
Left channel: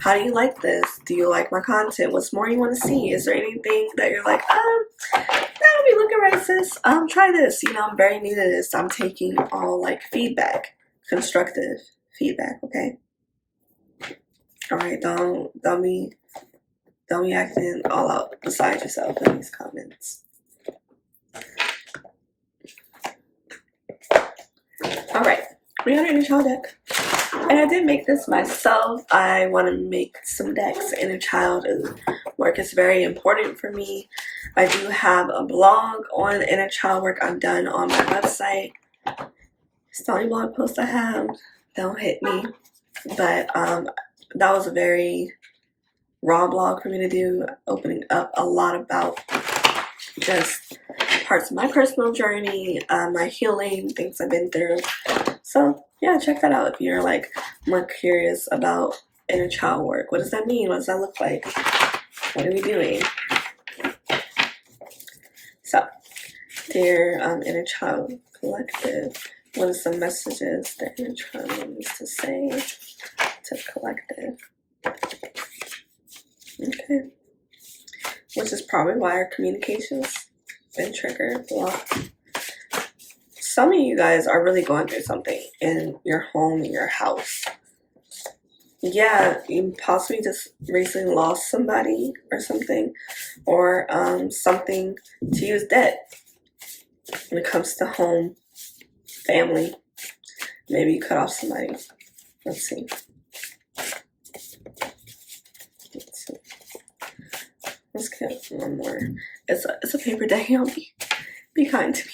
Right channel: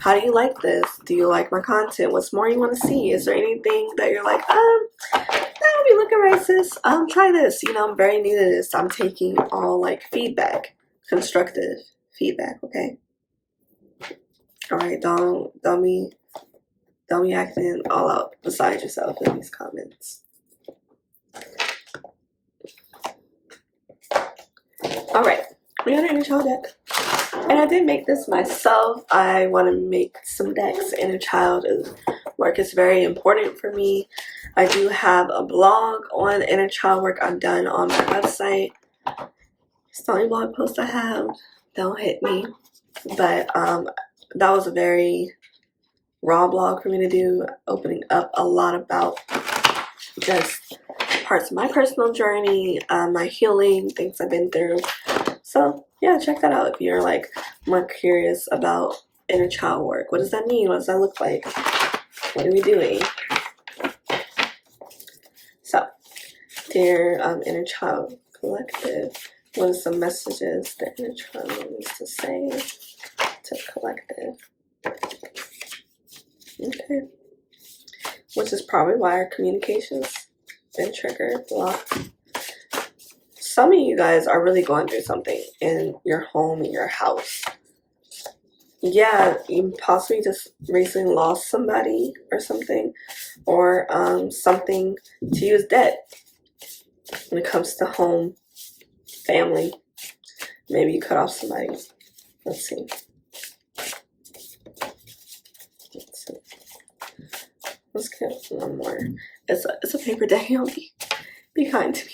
How do you like this? Do you like my content? What's more you want to see? Is there anything that you're like, that'll be looking right, sis? Try this. You know, I'm very new to this. I'm taking all like feedback, constructive feedback, okay? All right, don't be acting all out beside yourself in these comments. All right, we got an inner child deck, and I did make this myself. I want to make some decks. Inner child work is very important for me. I do have a blog on inner child work I've done on my website. It's the only blog post I have. Don't hit me, but that was a very raw blog for me to do, opening up a lot about just parts of my personal journey, my healing, things I've been through. So yeah, check that out if you're like more curious about inner child work. What does that mean? What does that look like? What are we doing? So, dear inner child collective, what are some messages that inner child needs to say to collective? Okay. Which is probably why our communication's been triggered, blocked. Some of you guys are really going through something in your home, in your house. Yeah, you possibly just recently lost somebody or something, or something to you is dead when it comes to home family. Maybe you cut off somebody. Let's see. Let's get one more. It's a paper day. Be kind to me.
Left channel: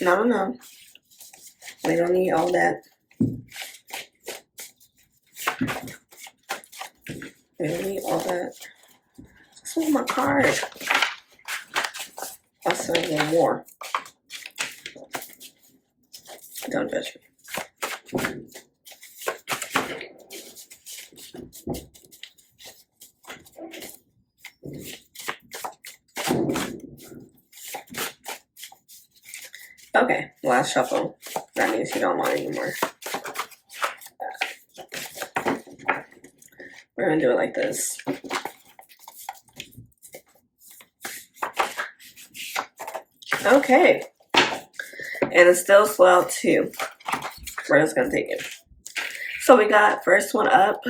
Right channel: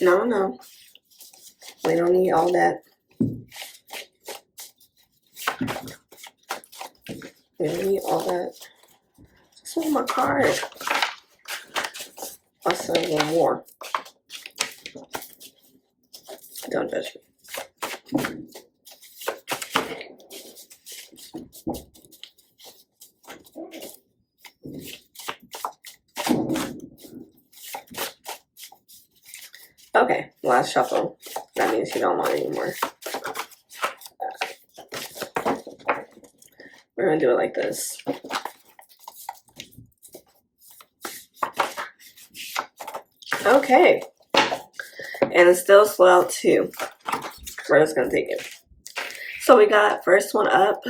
No. We don't need all that. We don't need all that. This is my card. I'll send one more. Don't judge me. Okay, last shuffle. That means you don't want anymore. We're gonna do it like this. Okay. And it's still slow out too. We're just gonna take it. So we got first one up.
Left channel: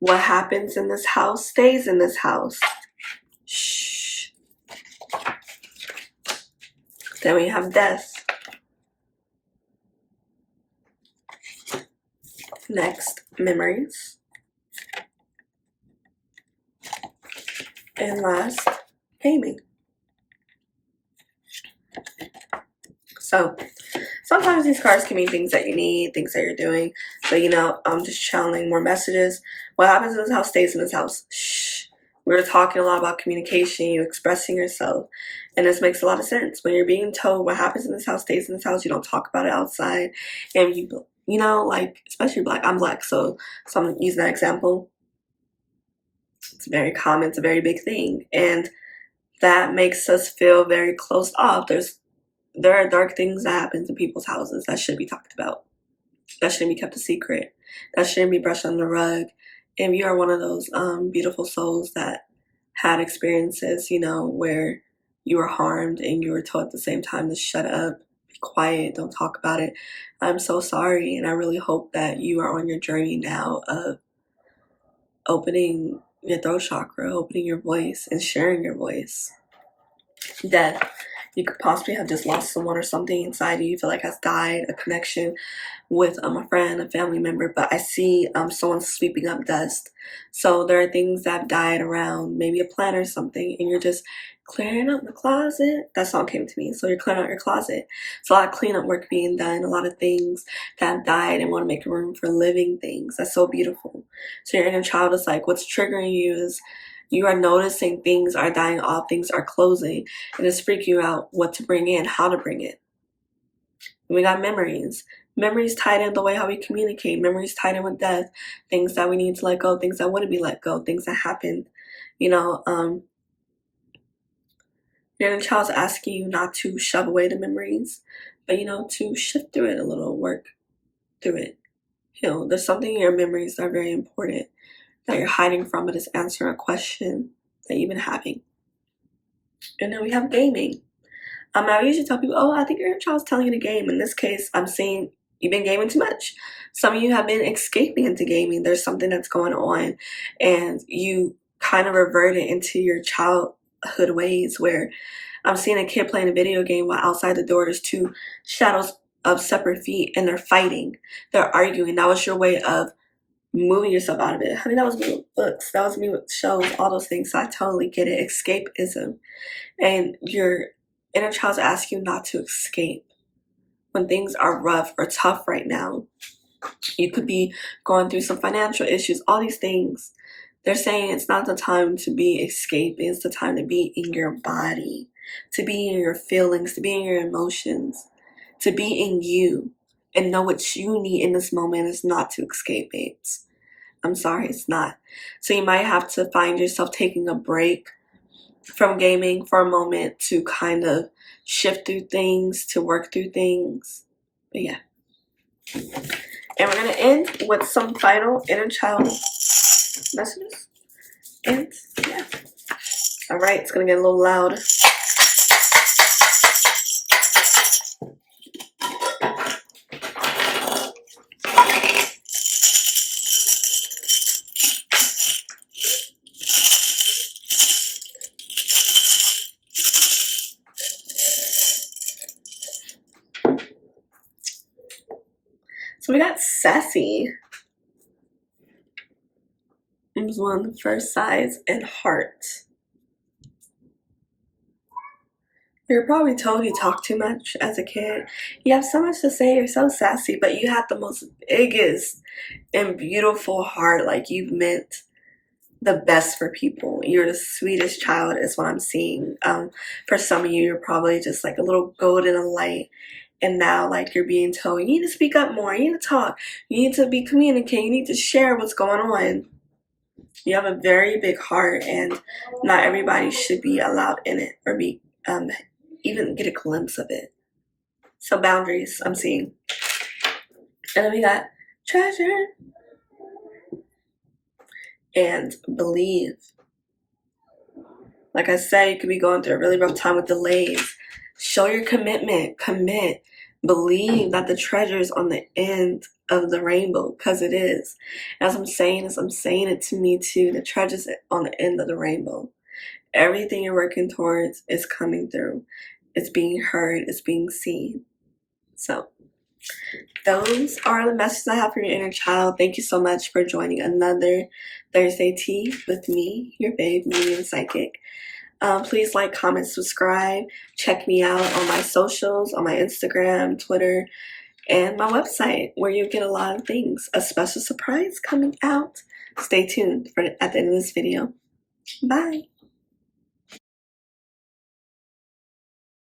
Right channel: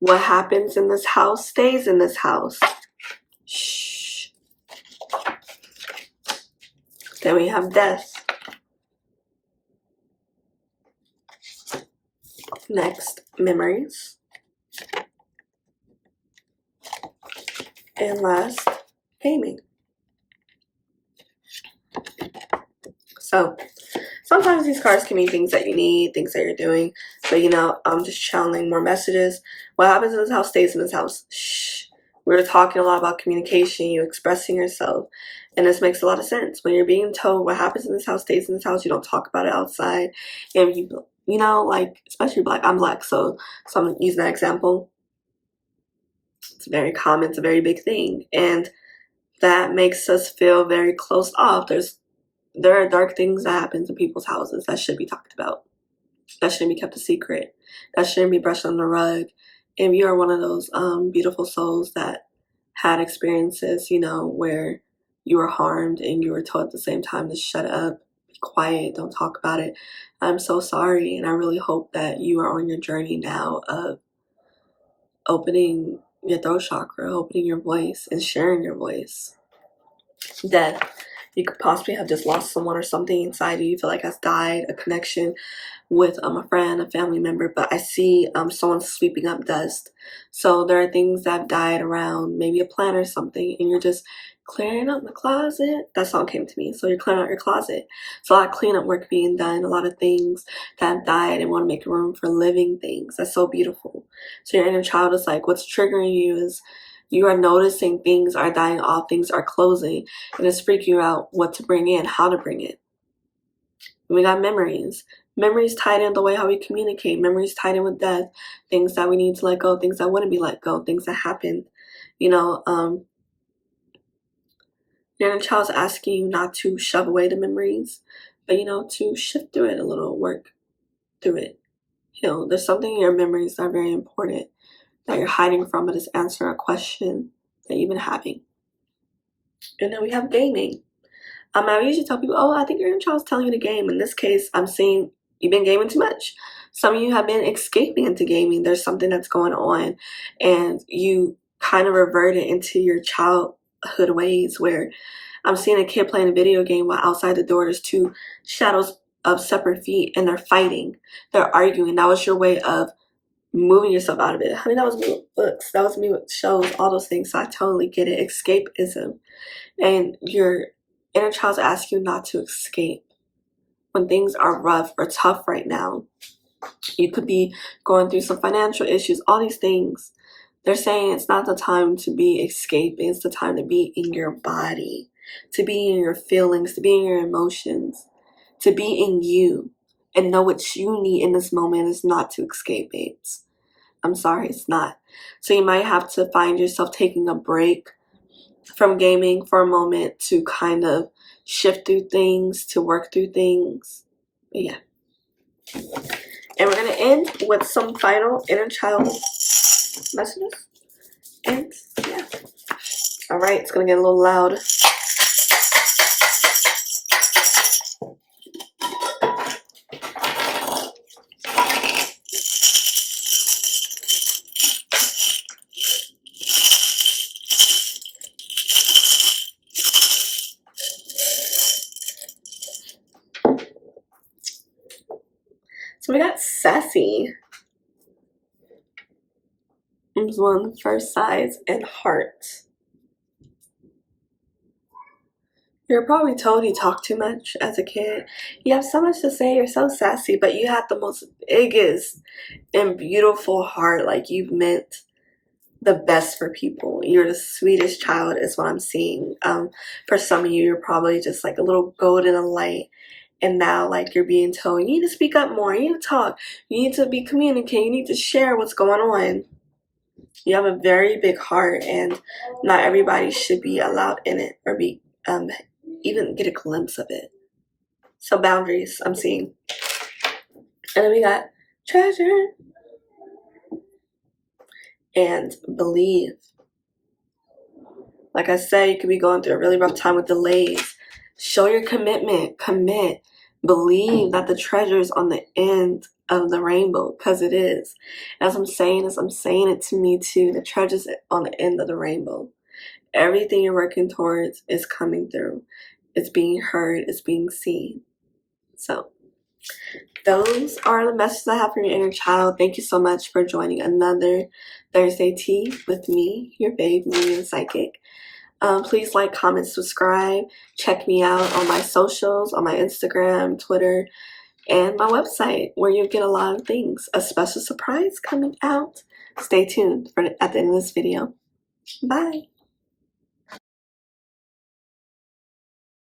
What happens in this house stays in this house. Shh. Then we have death. Next, memories. And last, gaming. So sometimes these cards can mean things that you need, things that you're doing. But I'm just channeling more messages. What happens in this house stays in this house. Shh. We were talking a lot about communication, you expressing yourself. And this makes a lot of sense. When you're being told what happens in this house stays in this house, you don't talk about it outside. And like, especially Black. I'm Black, so I'm using that example. It's very common. It's a very big thing. And that makes us feel very closed off. There are dark things that happen in people's houses that should be talked about. That shouldn't be kept a secret. That shouldn't be brushed under the rug. If you are one of those beautiful souls that had experiences, where you were harmed and you were told at the same time to shut up, be quiet, don't talk about it, I'm so sorry. And I really hope that you are on your journey now of opening your throat chakra, opening your voice and sharing your voice. Death. You could possibly have just lost someone or something inside you feel like has died, a connection with a friend, a family member, but I see someone sweeping up dust. So there are things that have died around, maybe a plant or something, and you're just clearing up the closet. That song came to me. So you're clearing out your closet. It's a lot of cleanup work being done, a lot of things that have died and want to make room for living things. That's so beautiful. So your inner child is like, what's triggering you is you are noticing things are dying off, things are closing, and it's freaking you out what to bring in, how to bring it. We got memories. Memories tied in the way how we communicate. Memories tied in with death. Things that we need to let go. Things that wouldn't be let go. Things that happened. Your inner child's asking you not to shove away the memories, but to shift through it a little, work through it. There's something in your memories that are very important that you're hiding from, but it's answering a question that you've been having. And then we have gaming. I usually tell people, I think your inner child's telling you to game. In this case, I'm seeing you've been gaming too much. Some of you have been escaping into gaming. There's something that's going on, and you kind of reverted into your childhood ways where I'm seeing a kid playing a video game while outside the door there's two shadows of separate feet and they're fighting. They're arguing. That was your way of moving yourself out of it. Honey, that was me with books. That was me with shows, all those things. So I totally get it. Escapism. And your inner child's asking you not to escape. When things are rough or tough right now, you could be going through some financial issues, all these things. They're saying it's not the time to be escaping. It's the time to be in your body, to be in your feelings, to be in your emotions, to be in you and know what you need in this moment is not to escape, babes. I'm sorry, it's not. So you might have to find yourself taking a break from gaming for a moment to kind of shift through things, to work through things. But yeah. And we're going to end with some final inner child messages. And yeah. All right, it's going to get a little loud. We got sassy. It was one of the first sides, and heart. You're probably told you talk too much as a kid. You have so much to say, you're so sassy, but you had the most biggest and beautiful heart. Like, you've meant the best for people. You're the sweetest child is what I'm seeing. For some of you, you're probably just like a little gold in a light. And now, like, you're being told, you need to speak up more, you need to talk, you need to be communicating, you need to share what's going on. You have a very big heart, and not everybody should be allowed in it or be even get a glimpse of it. So boundaries, I'm seeing. And then we got treasure and believe. Like I said, you could be going through a really rough time with delays. Show your commitment. Commit. Believe that the treasure is on the end of the rainbow, because it is. As I'm saying this, I'm saying it to me too. The treasure's on the end of the rainbow. Everything you're working towards is coming through. It's being heard. It's being seen. So those are the messages I have for your inner child. Thank you so much for joining another Thursday Tea with me, your babe, medium psychic. Please like, comment, subscribe. Check me out on my socials, on my Instagram, Twitter, and my website, where you get a lot of things. A special surprise coming out. Stay tuned for at the end of this video. Bye.